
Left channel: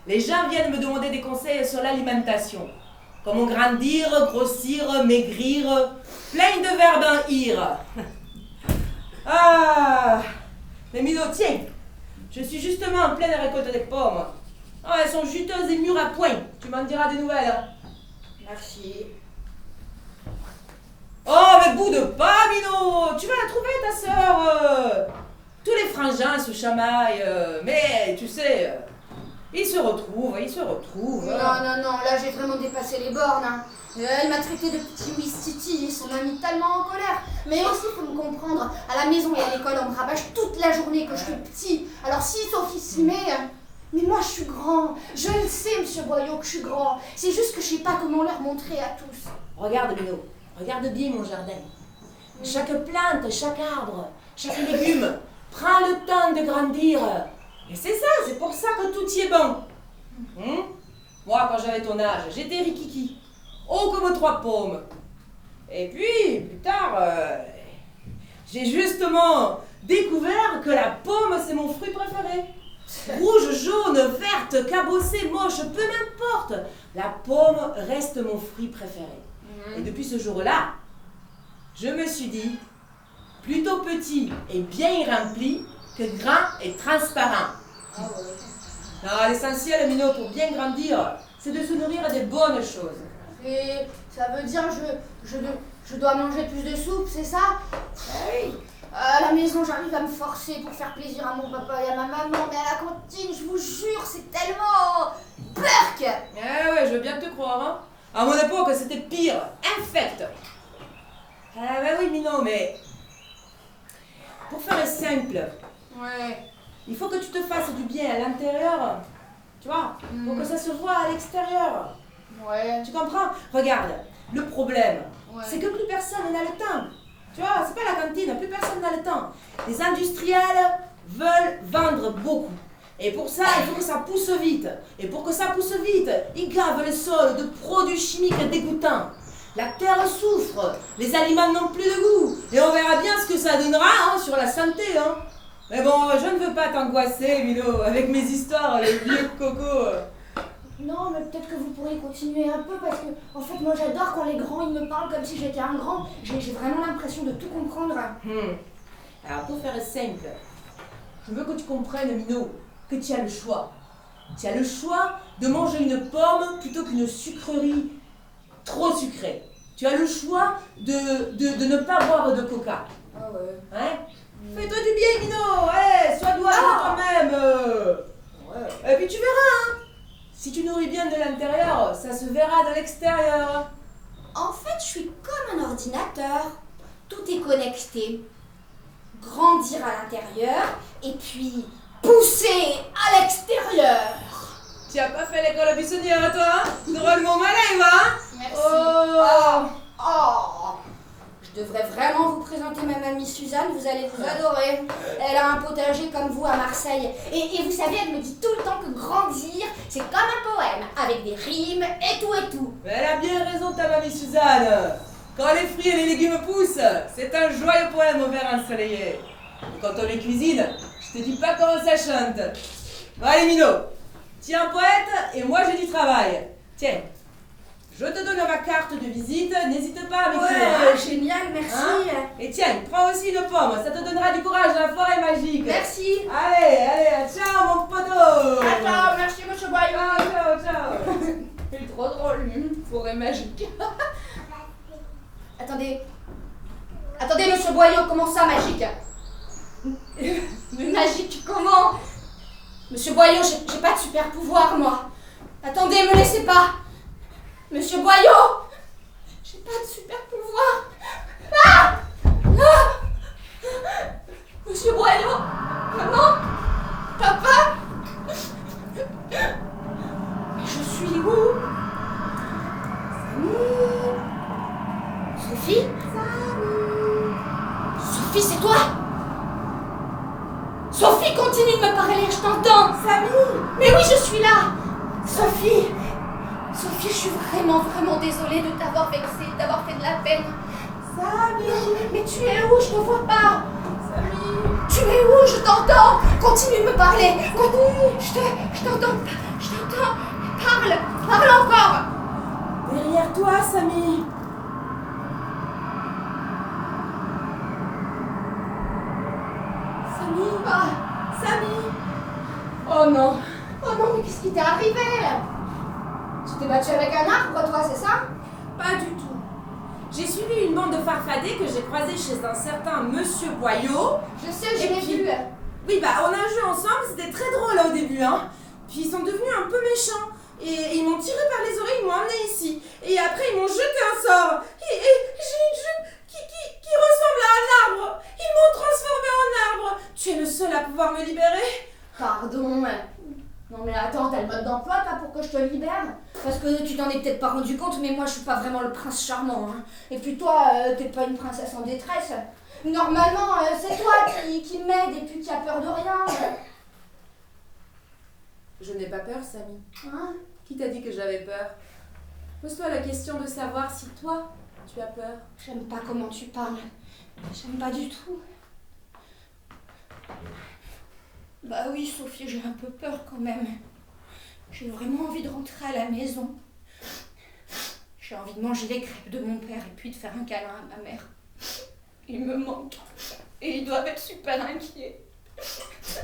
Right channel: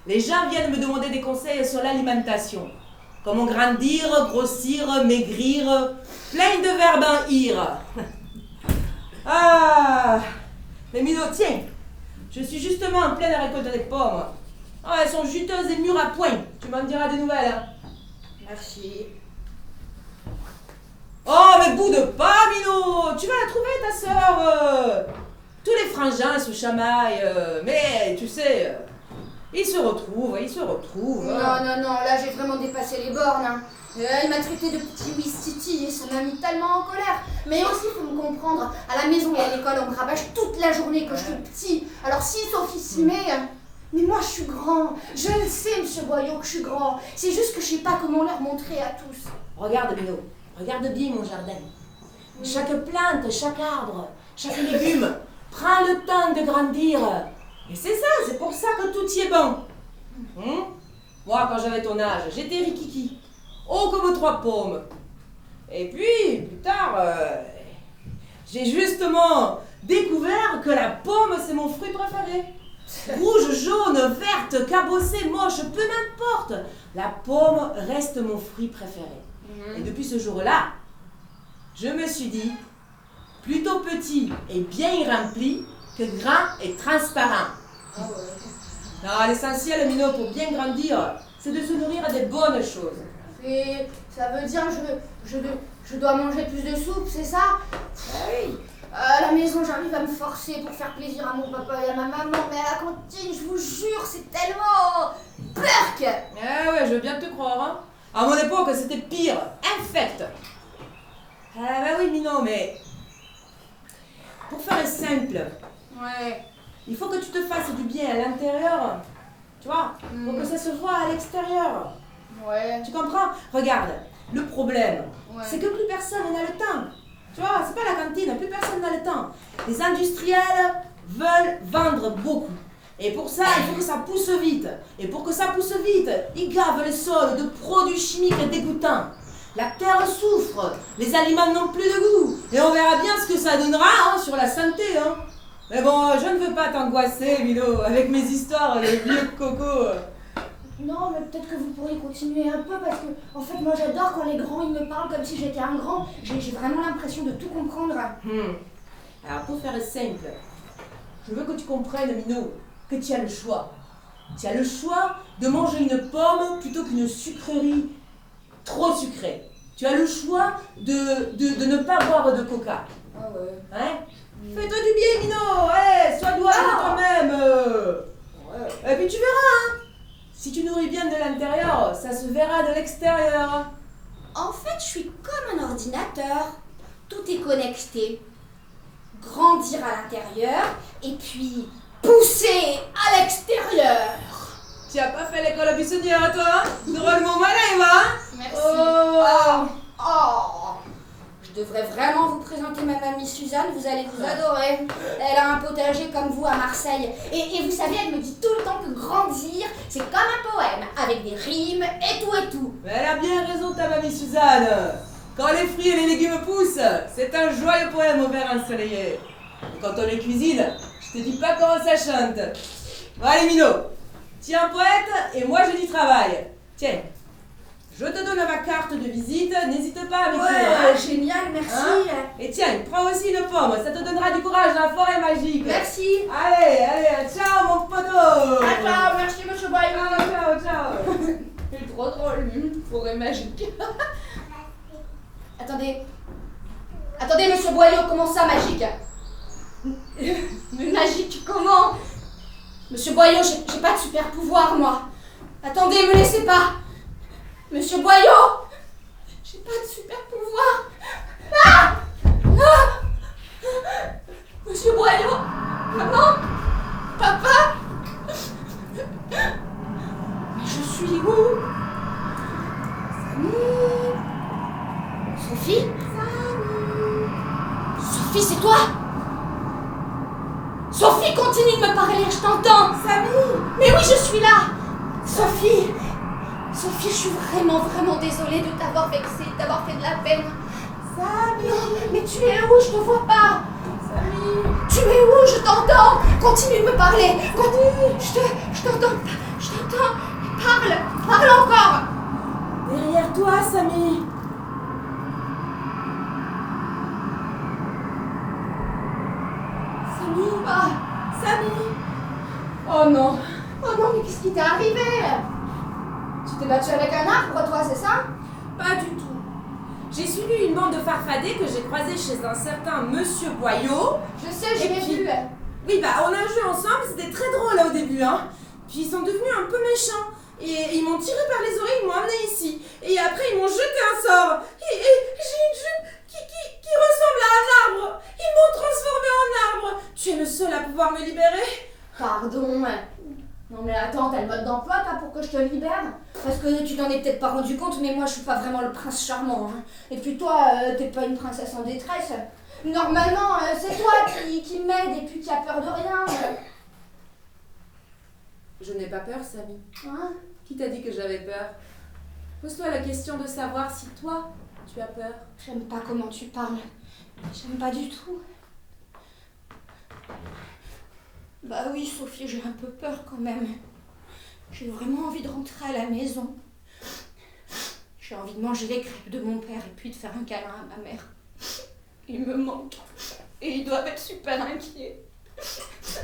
Les gens viennent me demander des conseils sur l'alimentation. Comment grandir, grossir, maigrir, plein de verbes en ire. Ah, mais Mino, tiens, je suis justement en pleine récolte des pommes. Ah, elles sont juteuses et mûres à point. Tu m'en diras des nouvelles. Hein. Merci. Oh, mais boude pas, Mino. Tu vas la trouver, ta sœur. Tous les frangins se chamaillent, mais tu sais, ils se retrouvent. Non, non, non, là j'ai vraiment dépassé les bornes. Hein. Elle m'a traité de petit Ouistiti et ça m'a mis tellement en colère. Mais aussi, il faut me comprendre, à la maison et à l'école, on me rabâche toute la journée que je suis petit. Alors si Sophie s'y met... Mais moi je suis grand. Je le sais, monsieur Boyau, que je suis grand. C'est juste que je sais pas comment leur montrer à tous. Regarde, Mino. Regarde bien mon jardin. Chaque plante, chaque arbre, chaque légume prend le temps de grandir. Et c'est ça, c'est pour ça que tout y est bon. Moi, quand j'avais ton âge, j'étais rikiki. Oh, comme 3 pommes. Et puis, plus tard, j'ai justement découvert que la pomme, c'est mon fruit préféré. Rouge, jaune, verte, cabossée, moche, peu m'importe. La pomme reste mon fruit préféré. Et depuis ce jour-là, je me suis dit, plutôt petit et bien rempli que grand et transparent. Ah ouais. Non, l'essentiel, Mino, pour bien grandir, c'est de se nourrir des bonnes choses. Et ça veut dire je dois manger plus de soupe, c'est ça? À la maison, j'arrive à me forcer pour faire plaisir à mon papa et à ma maman, mais à la cantine, je vous jure, c'est tellement... Perk! Ah ouais, je veux bien te croire, hein. À mon époque, c'était pire, infect. Ah bah oui, Mino, mais pour faire simple, Ouais. il faut que tu te fasses du bien à l'intérieur, tu vois, pour que ça se voit à l'extérieur. Ouais. Tu comprends? Regarde, le problème, Ouais. c'est que plus personne n'a le temps. Tu vois, c'est pas la cantine, plus personne n'a le temps. Les industriels veulent vendre beaucoup. Et pour ça, il faut que ça pousse vite. Et pour que ça pousse vite, ils gavent les sols de produits chimiques dégoûtants. La terre souffre, les aliments n'ont plus de goût. Et on verra bien ce que ça donnera hein, sur la santé. Hein. Mais bon, je ne veux pas t'angoisser, Milo, avec mes histoires, le vieux coco. Non, mais peut-être que vous pourriez continuer un peu parce que, en fait, moi j'adore quand les grands ils me parlent comme si j'étais un grand. J'ai vraiment l'impression de tout comprendre. Alors, pour faire simple, je veux que tu comprennes, Mino, que tu as le choix. Tu as le choix de manger une pomme plutôt qu'une sucrerie trop sucrée. Tu as le choix de ne pas boire de coca. Ah ouais. Hein? Fais-toi du bien, Mino. Hey, sois doué avec toi-même. Ouais. Et puis tu verras, hein. Si tu nourris bien de l'intérieur, ça se verra de l'extérieur. En fait, je suis comme un ordinateur. Tout est connecté. Grandir à l'intérieur et puis pousser à l'extérieur. Tu as pas fait l'école buissonnière, toi? Drôlement malin, va? Merci. Oh. Oh. Je devrais vraiment vous présenter ma mamie Suzanne, vous allez vous adorer. Elle a un potager comme vous à Marseille. Et vous savez, elle me dit tout le temps que grandir, c'est comme un poème, avec des rimes et tout et tout. Mais elle a bien raison, ta mamie Suzanne. Quand les fruits et les légumes poussent, c'est un joyeux poème au vert ensoleillé. Et quand on les cuisine, je te dis pas comment ça chante. Bon, allez, Mino, tu es un poète et moi j'ai du travail. Tiens, je te donne ma carte de visite, n'hésite pas à m'écrire. Ouais, génial, merci. Hein? Et tiens, prends aussi une pomme, ça te donnera du courage dans la forêt magique. Merci. Allez, ciao mon poteau. Ciao, merci monsieur Boyon. Ciao. Il est trop drôle, lui. Forêt magique. Attendez, monsieur Boyau, comment ça, magique? Mais magique, comment? Monsieur Boyau, j'ai pas de super pouvoir, moi. Attendez, me laissez pas. Monsieur Boyau, j'ai pas de super pouvoir. Ah! Monsieur Boyau, maman, papa, je suis où? Samy, Sophie? Sophie, c'est toi? Sophie, continue de me parler, je t'entends. Samy? Mais oui, je suis là. Sophie, je suis vraiment désolée de t'avoir vexée, de t'avoir fait de la peine. Samy, mais tu es où? Je te vois pas. Samy, tu es où? Je t'entends. Continue de me parler. Continue. Je t'entends. Parle encore. Derrière toi, Samy. Samy. Oh non, mais qu'est-ce qui t'est arrivé? Tu t'es battu avec un arbre, toi, c'est ça? Pas du tout. J'ai suivi une bande de farfadets que j'ai croisés chez un certain Monsieur Boyau. Je sais, je l'ai vu. Oui, bah on a joué ensemble, c'était très drôle au début, hein. Puis ils sont devenus un peu méchants. Et ils m'ont tiré par les oreilles, ils m'ont amené ici. Et après, ils m'ont jeté un sort. Et j'ai une jupe qui ressemble à un arbre. Ils m'ont transformée en arbre. Tu es le seul à pouvoir me libérer. Pardon. Non mais attends, t'as le mode d'emploi, toi, pour que je te libère? Parce que tu t'en es peut-être pas rendu compte, mais moi, je suis pas vraiment le prince charmant, hein. Et puis toi, t'es pas une princesse en détresse. Normalement, c'est toi qui m'aide et puis qui a peur de rien. Je n'ai pas peur, Samy. Hein? Qui t'a dit que j'avais peur? Pose-toi la question de savoir si toi, tu as peur. J'aime pas comment tu parles. J'aime pas du tout. Bah oui, Sophie, j'ai un peu peur quand même. J'ai vraiment envie de rentrer à la maison. J'ai envie de manger les crêpes de mon père et puis de faire un câlin à ma mère. Il me manque. Et ils doivent être super inquiets.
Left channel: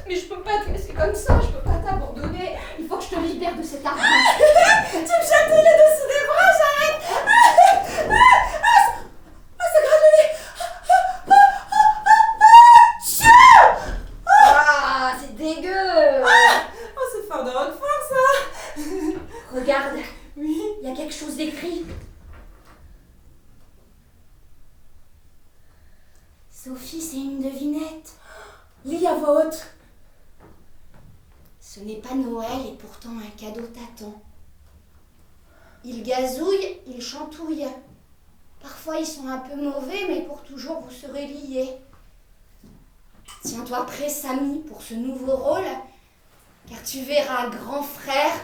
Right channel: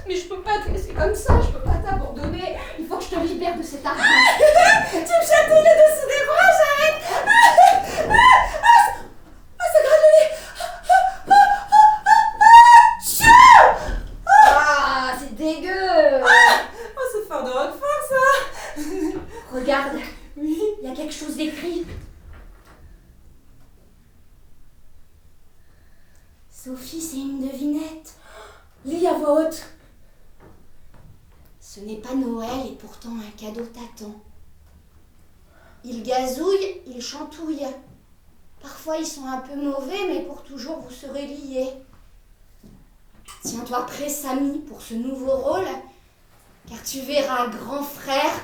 Mais je peux pas te laisser comme ça, je peux pas t'abandonner. Il faut que je te libère de cet arbre. Tu me chatouilles les dessous des bras, j'arrête. Ça gratte le nez. Ah, c'est dégueu. Oh, c'est fort de Roquefort, ça. Regarde, Oui. il y a quelque chose d'écrit. Sophie, c'est une devinette. Lis à voix haute. Ce n'est pas Noël et pourtant un cadeau t'attend. Ils gazouillent, ils chantouillent. Parfois ils sont un peu mauvais, mais pour toujours vous serez liés. Tiens-toi prêt, Samy, pour ce nouveau rôle, car tu verras, grand frère,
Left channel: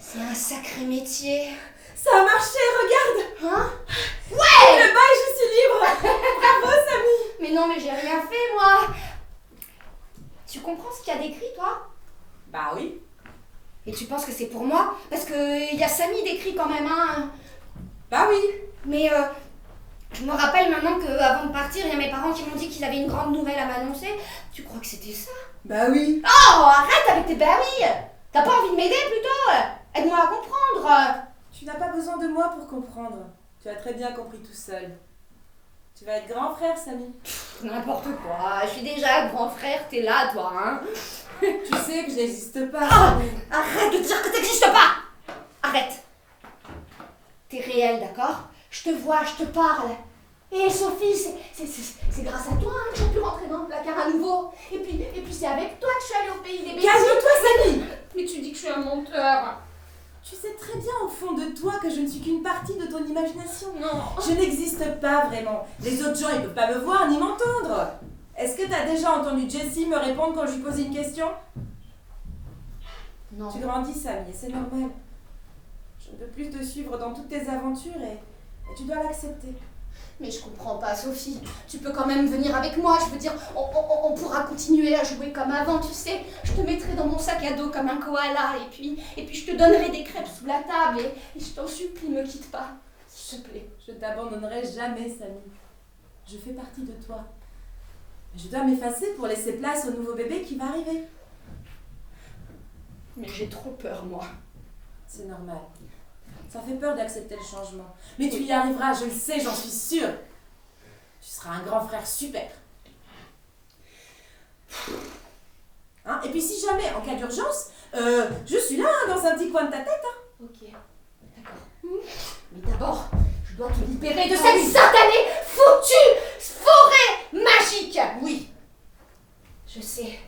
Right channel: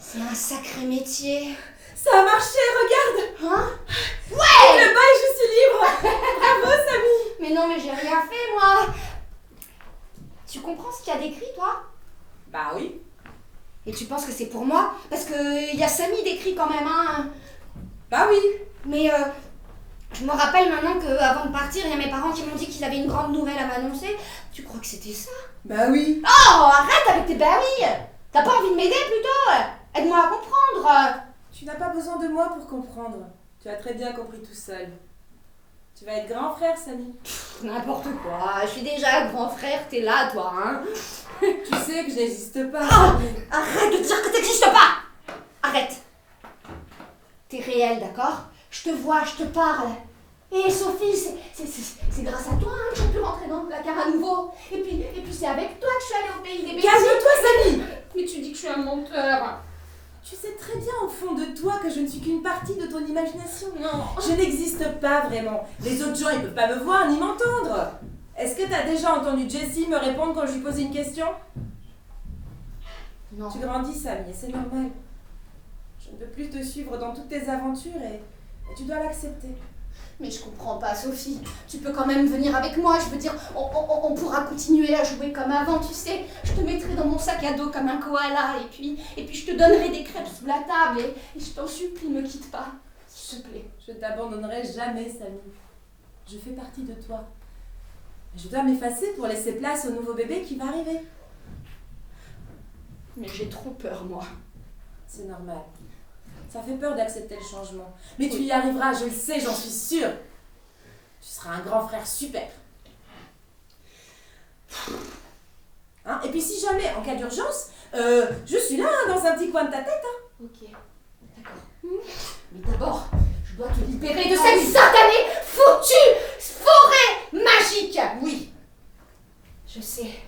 c'est un sacré métier. Ça a marché, regarde. Hein? Le bail, je suis libre. Bravo, Samy. Mais non, mais j'ai rien fait, moi. Tu comprends ce qu'il y a d'écrit, toi? Bah oui. Et tu penses que c'est pour moi? Parce que y a Samy d'écrit quand même, hein. Bah oui. Mais je me rappelle maintenant qu'avant de partir, il y a mes parents qui m'ont dit qu'ils avaient une grande nouvelle à m'annoncer. Tu crois que c'était ça? Bah oui. Oh, arrête avec tes bah oui! T'as pas envie de m'aider plutôt? Aide-moi à comprendre. Tu n'as pas besoin de moi pour comprendre. Tu as très bien compris tout seul. Tu vas être grand frère, Samy. N'importe quoi, je suis déjà grand frère, t'es là, toi, hein? Tu sais que je n'existe pas. Oh, arrête de dire que t'existes pas! Arrête! T'es réel, d'accord? Je te vois, je te parle. Et Sophie, c'est grâce à toi hein, que j'ai pu rentrer dans le placard à nouveau. Et puis c'est avec toi que je suis allée au pays des bêtises. Calme-toi, Samy! Mais tu dis que je suis un menteur. Tu sais très bien au fond de toi que je ne suis qu'une partie de ton imagination. Non. Je n'existe pas vraiment. Les autres gens, ils peuvent pas me voir ni m'entendre. Est-ce que tu as déjà entendu Jessie me répondre quand je lui posais une question? Non. Tu grandis, Samy, et c'est normal. Je ne peux plus te suivre dans toutes tes aventures et tu dois l'accepter. Mais je comprends pas, Sophie. Tu peux quand même venir avec moi. Je veux dire, on pourra continuer à jouer comme avant, tu sais. Je te mettrai dans mon sac à dos comme un koala. Et puis je te donnerai des crêpes sous la table. Et je t'en supplie, me quitte pas. S'il te plaît. Je t'abandonnerai jamais, Samy. Je fais partie de toi. Mais je dois m'effacer pour laisser place au nouveau bébé qui va arriver. Mais j'ai trop peur, moi. C'est normal. Ça fait peur d'accepter le changement. Mais tu y arriveras, je le sais, j'en suis sûre. Tu seras un grand frère super. Hein? Et puis si jamais, en cas d'urgence, je suis là, hein, dans un petit coin de ta tête. Hein. Ok, d'accord. Mais d'abord, je dois te libérer de cette satanée, foutue forêt magique. Oui, je sais.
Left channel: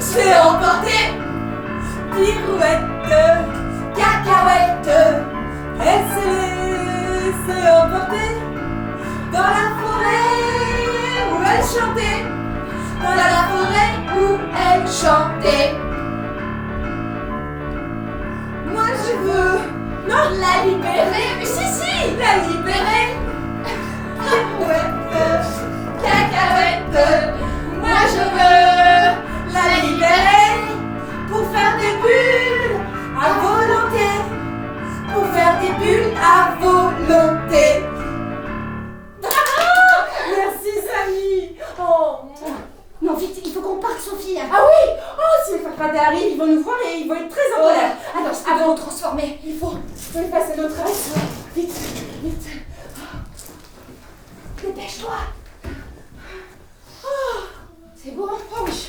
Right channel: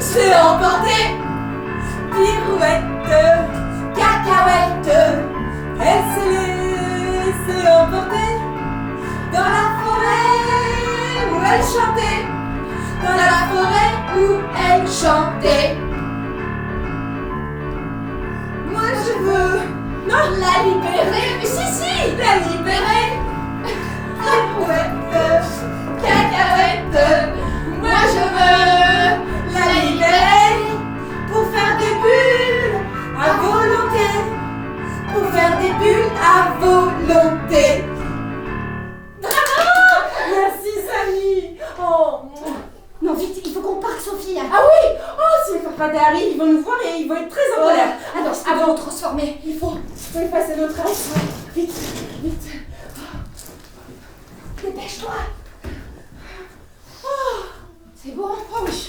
C'est emporté, pirouette, cacahuète. Elle s'est laissée emporter dans la forêt où elle chantait, dans la forêt où elle chantait. Moi je veux, non, la libérer, mais si, la libérer. Pirouette, cacahuète, moi je veux la libérer pour faire des bulles à volonté, pour faire des bulles à volonté. Bravo! Merci Samy. Oh. Non, vite, il faut qu'on parte, Sophie. Ah oui! Oh, si les farfadets arrivent, ils vont nous voir et ils vont être très en colère. Alors, avant de transformer, Il faut effacer notre reste. Vite, vite. dépêche-toi. C'est bon? Oh oui.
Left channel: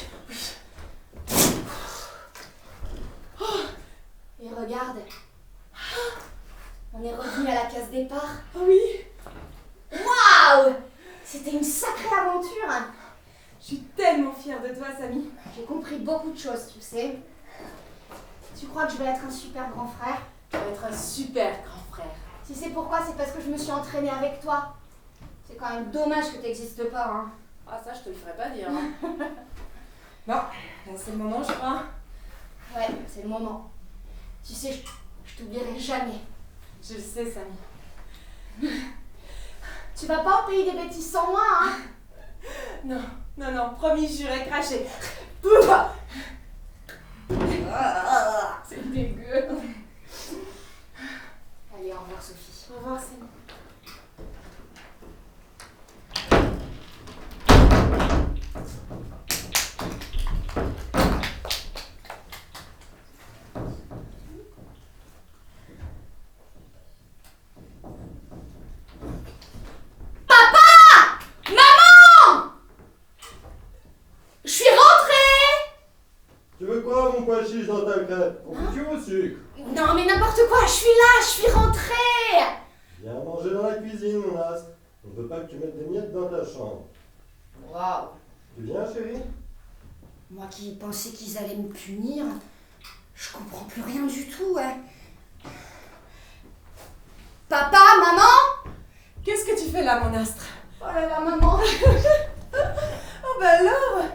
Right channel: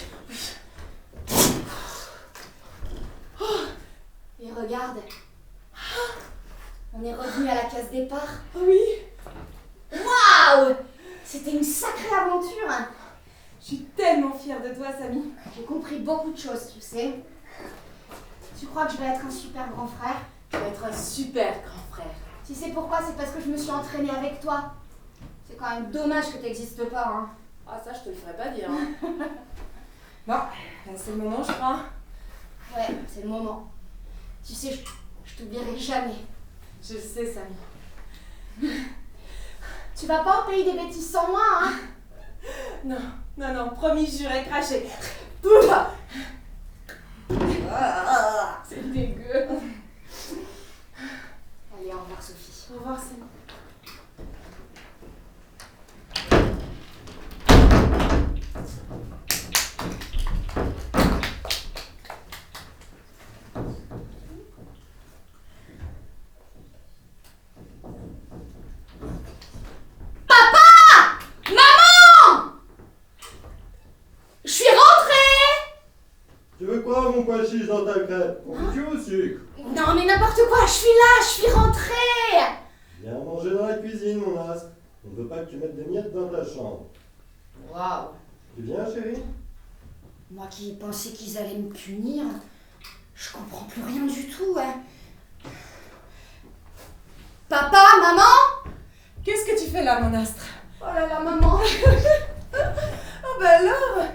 Et regarde, on est revenu à la case départ. Oh oui. Waouh! C'était une sacrée aventure. Je suis tellement fière de toi, Samy. J'ai compris beaucoup de choses, tu sais. Tu crois que je vais être un super grand frère? Tu vas être un super grand frère. Tu sais pourquoi? C'est parce que je me suis entraînée avec toi. C'est quand même dommage que t'existes pas, hein. Ah, ça, je te le ferai pas dire. Hein. Bon, c'est le moment, je crois. Ouais, c'est le moment. Tu sais, je t'oublierai jamais. Je le sais, Samy. Tu vas pas au pays des bêtises sans moi, hein? Non, non, non, promis, juré, craché. C'est dégueu. Allez, au revoir, Sophie. Au revoir, Samy. Tu veux quoi, mon pois chiche dans ta crêpe? Confiture au sucre? Non, mais n'importe quoi, je suis là, je suis rentrée. Viens manger dans la cuisine, mon as. On ne veut pas que tu mettes des miettes dans ta chambre. Waouh. Tu viens, chérie? Moi qui pensais qu'ils allaient me punir, je comprends plus rien du tout, hein. Papa, maman? Qu'est-ce que tu fais là, mon astre? Oh là là, maman. Oh bah alors,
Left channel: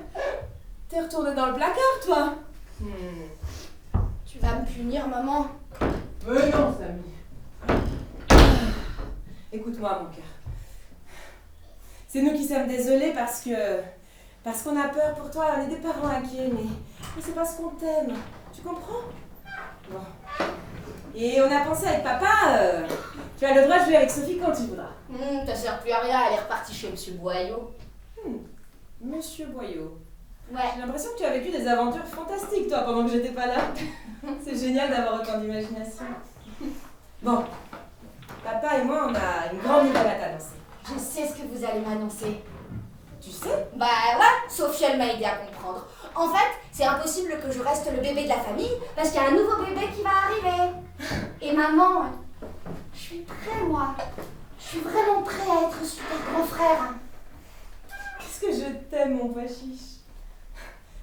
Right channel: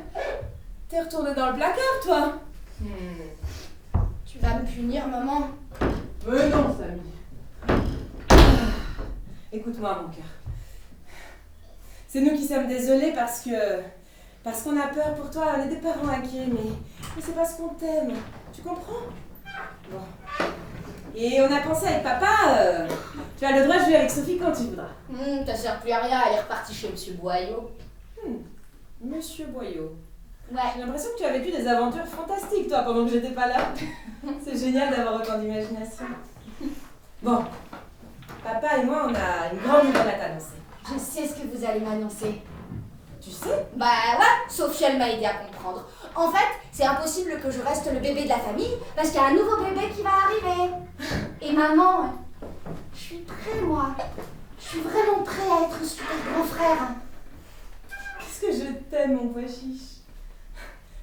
t'es retournée dans le placard, toi? Tu vas me punir, maman? Mais non, Samy. Écoute-moi, mon cœur. C'est nous qui sommes désolés parce qu'on a peur pour toi. On est des parents inquiets, mais c'est parce qu'on t'aime. Tu comprends? Bon. Et on a pensé avec papa, tu as le droit de jouer avec Sophie quand tu voudras. Ça sert plus à rien, elle est repartie chez Monsieur Boyau. Monsieur Boyau. Ouais. J'ai l'impression que tu as vécu des aventures fantastiques, toi, pendant que j'étais pas là. C'est génial d'avoir autant d'imagination. Bon. Papa et moi, on a une grande nouvelle à t'annoncer. Je sais ce que vous allez m'annoncer. Tu sais? Bah ouais, Sophie, elle m'a aidé à comprendre. En fait, c'est impossible que je reste le bébé de la famille parce qu'il y a un nouveau bébé qui va arriver. Et maman, je suis prêt, moi. Je suis vraiment prêt à être un super grand frère. Qu'est-ce que je t'aime, mon pois chiche.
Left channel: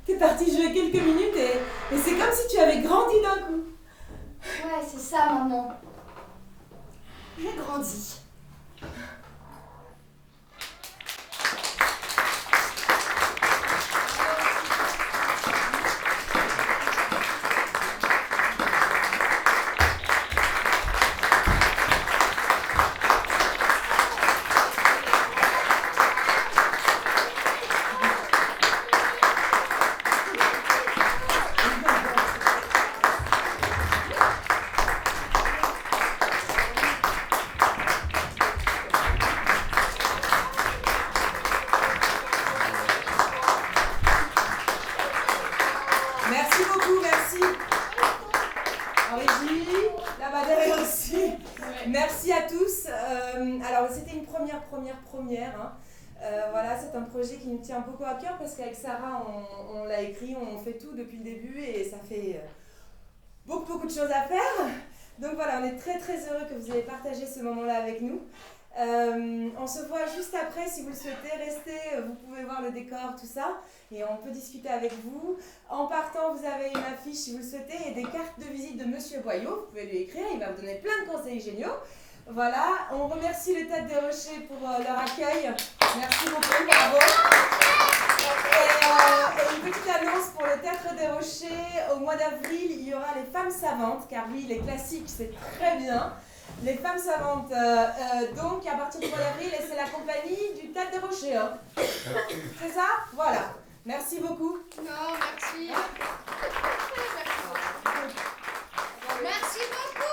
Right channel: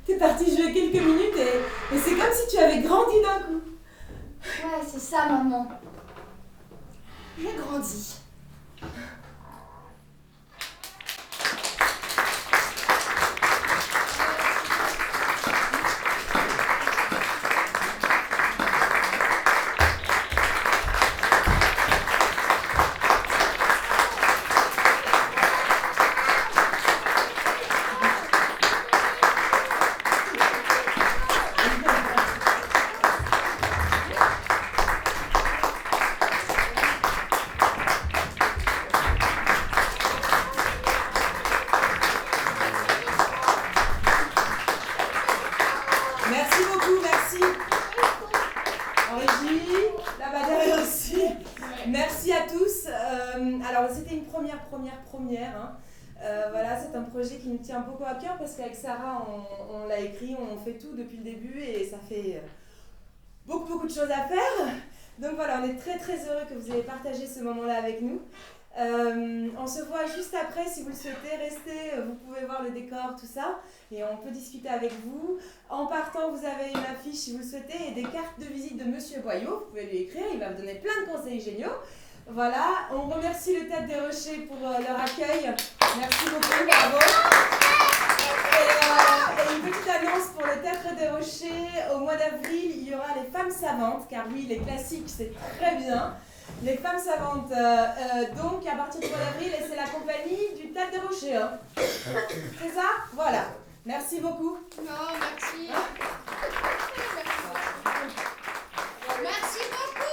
T'es parti jouer quelques minutes et c'est comme si tu avais grandi d'un coup. Ouais, c'est ça, maman. J'ai grandi. Merci beaucoup, merci. En régie, là-bas derrière aussi. Merci à tous. Alors, c'était une première. Hein. Voilà, c'est un projet qui nous tient beaucoup à cœur parce qu'avec Sarah, on l'a écrit, on fait tout depuis le début et ça fait beaucoup de choses à faire. Donc voilà, on est très heureux que vous ayez partagé ce moment-là avec nous. On se voit juste après, si vous le souhaitez, restez, vous pouvez voir le décor, tout ça, et on peut discuter avec vous. En partant, vous avez une affiche si vous le souhaitez, et des cartes de visite de Monsieur Boyau, vous pouvez lui écrire, il va vous donner plein de conseils géniaux. Voilà, on remercie le Théâtre des Rochers pour leur accueil, merci beaucoup, bravo. Et une petite annonce pour le Théâtre des Rochers, au mois d'avril, il y aura les femmes savantes, car oui, les classiques, c'est très bien. Les femmes savantes, donc à partir du mois d'avril, et c'est la compagnie du Théâtre des Rochers. Hein. C'est ça? Voilà. Merci beaucoup. Non, merci. Hein? Merci beaucoup.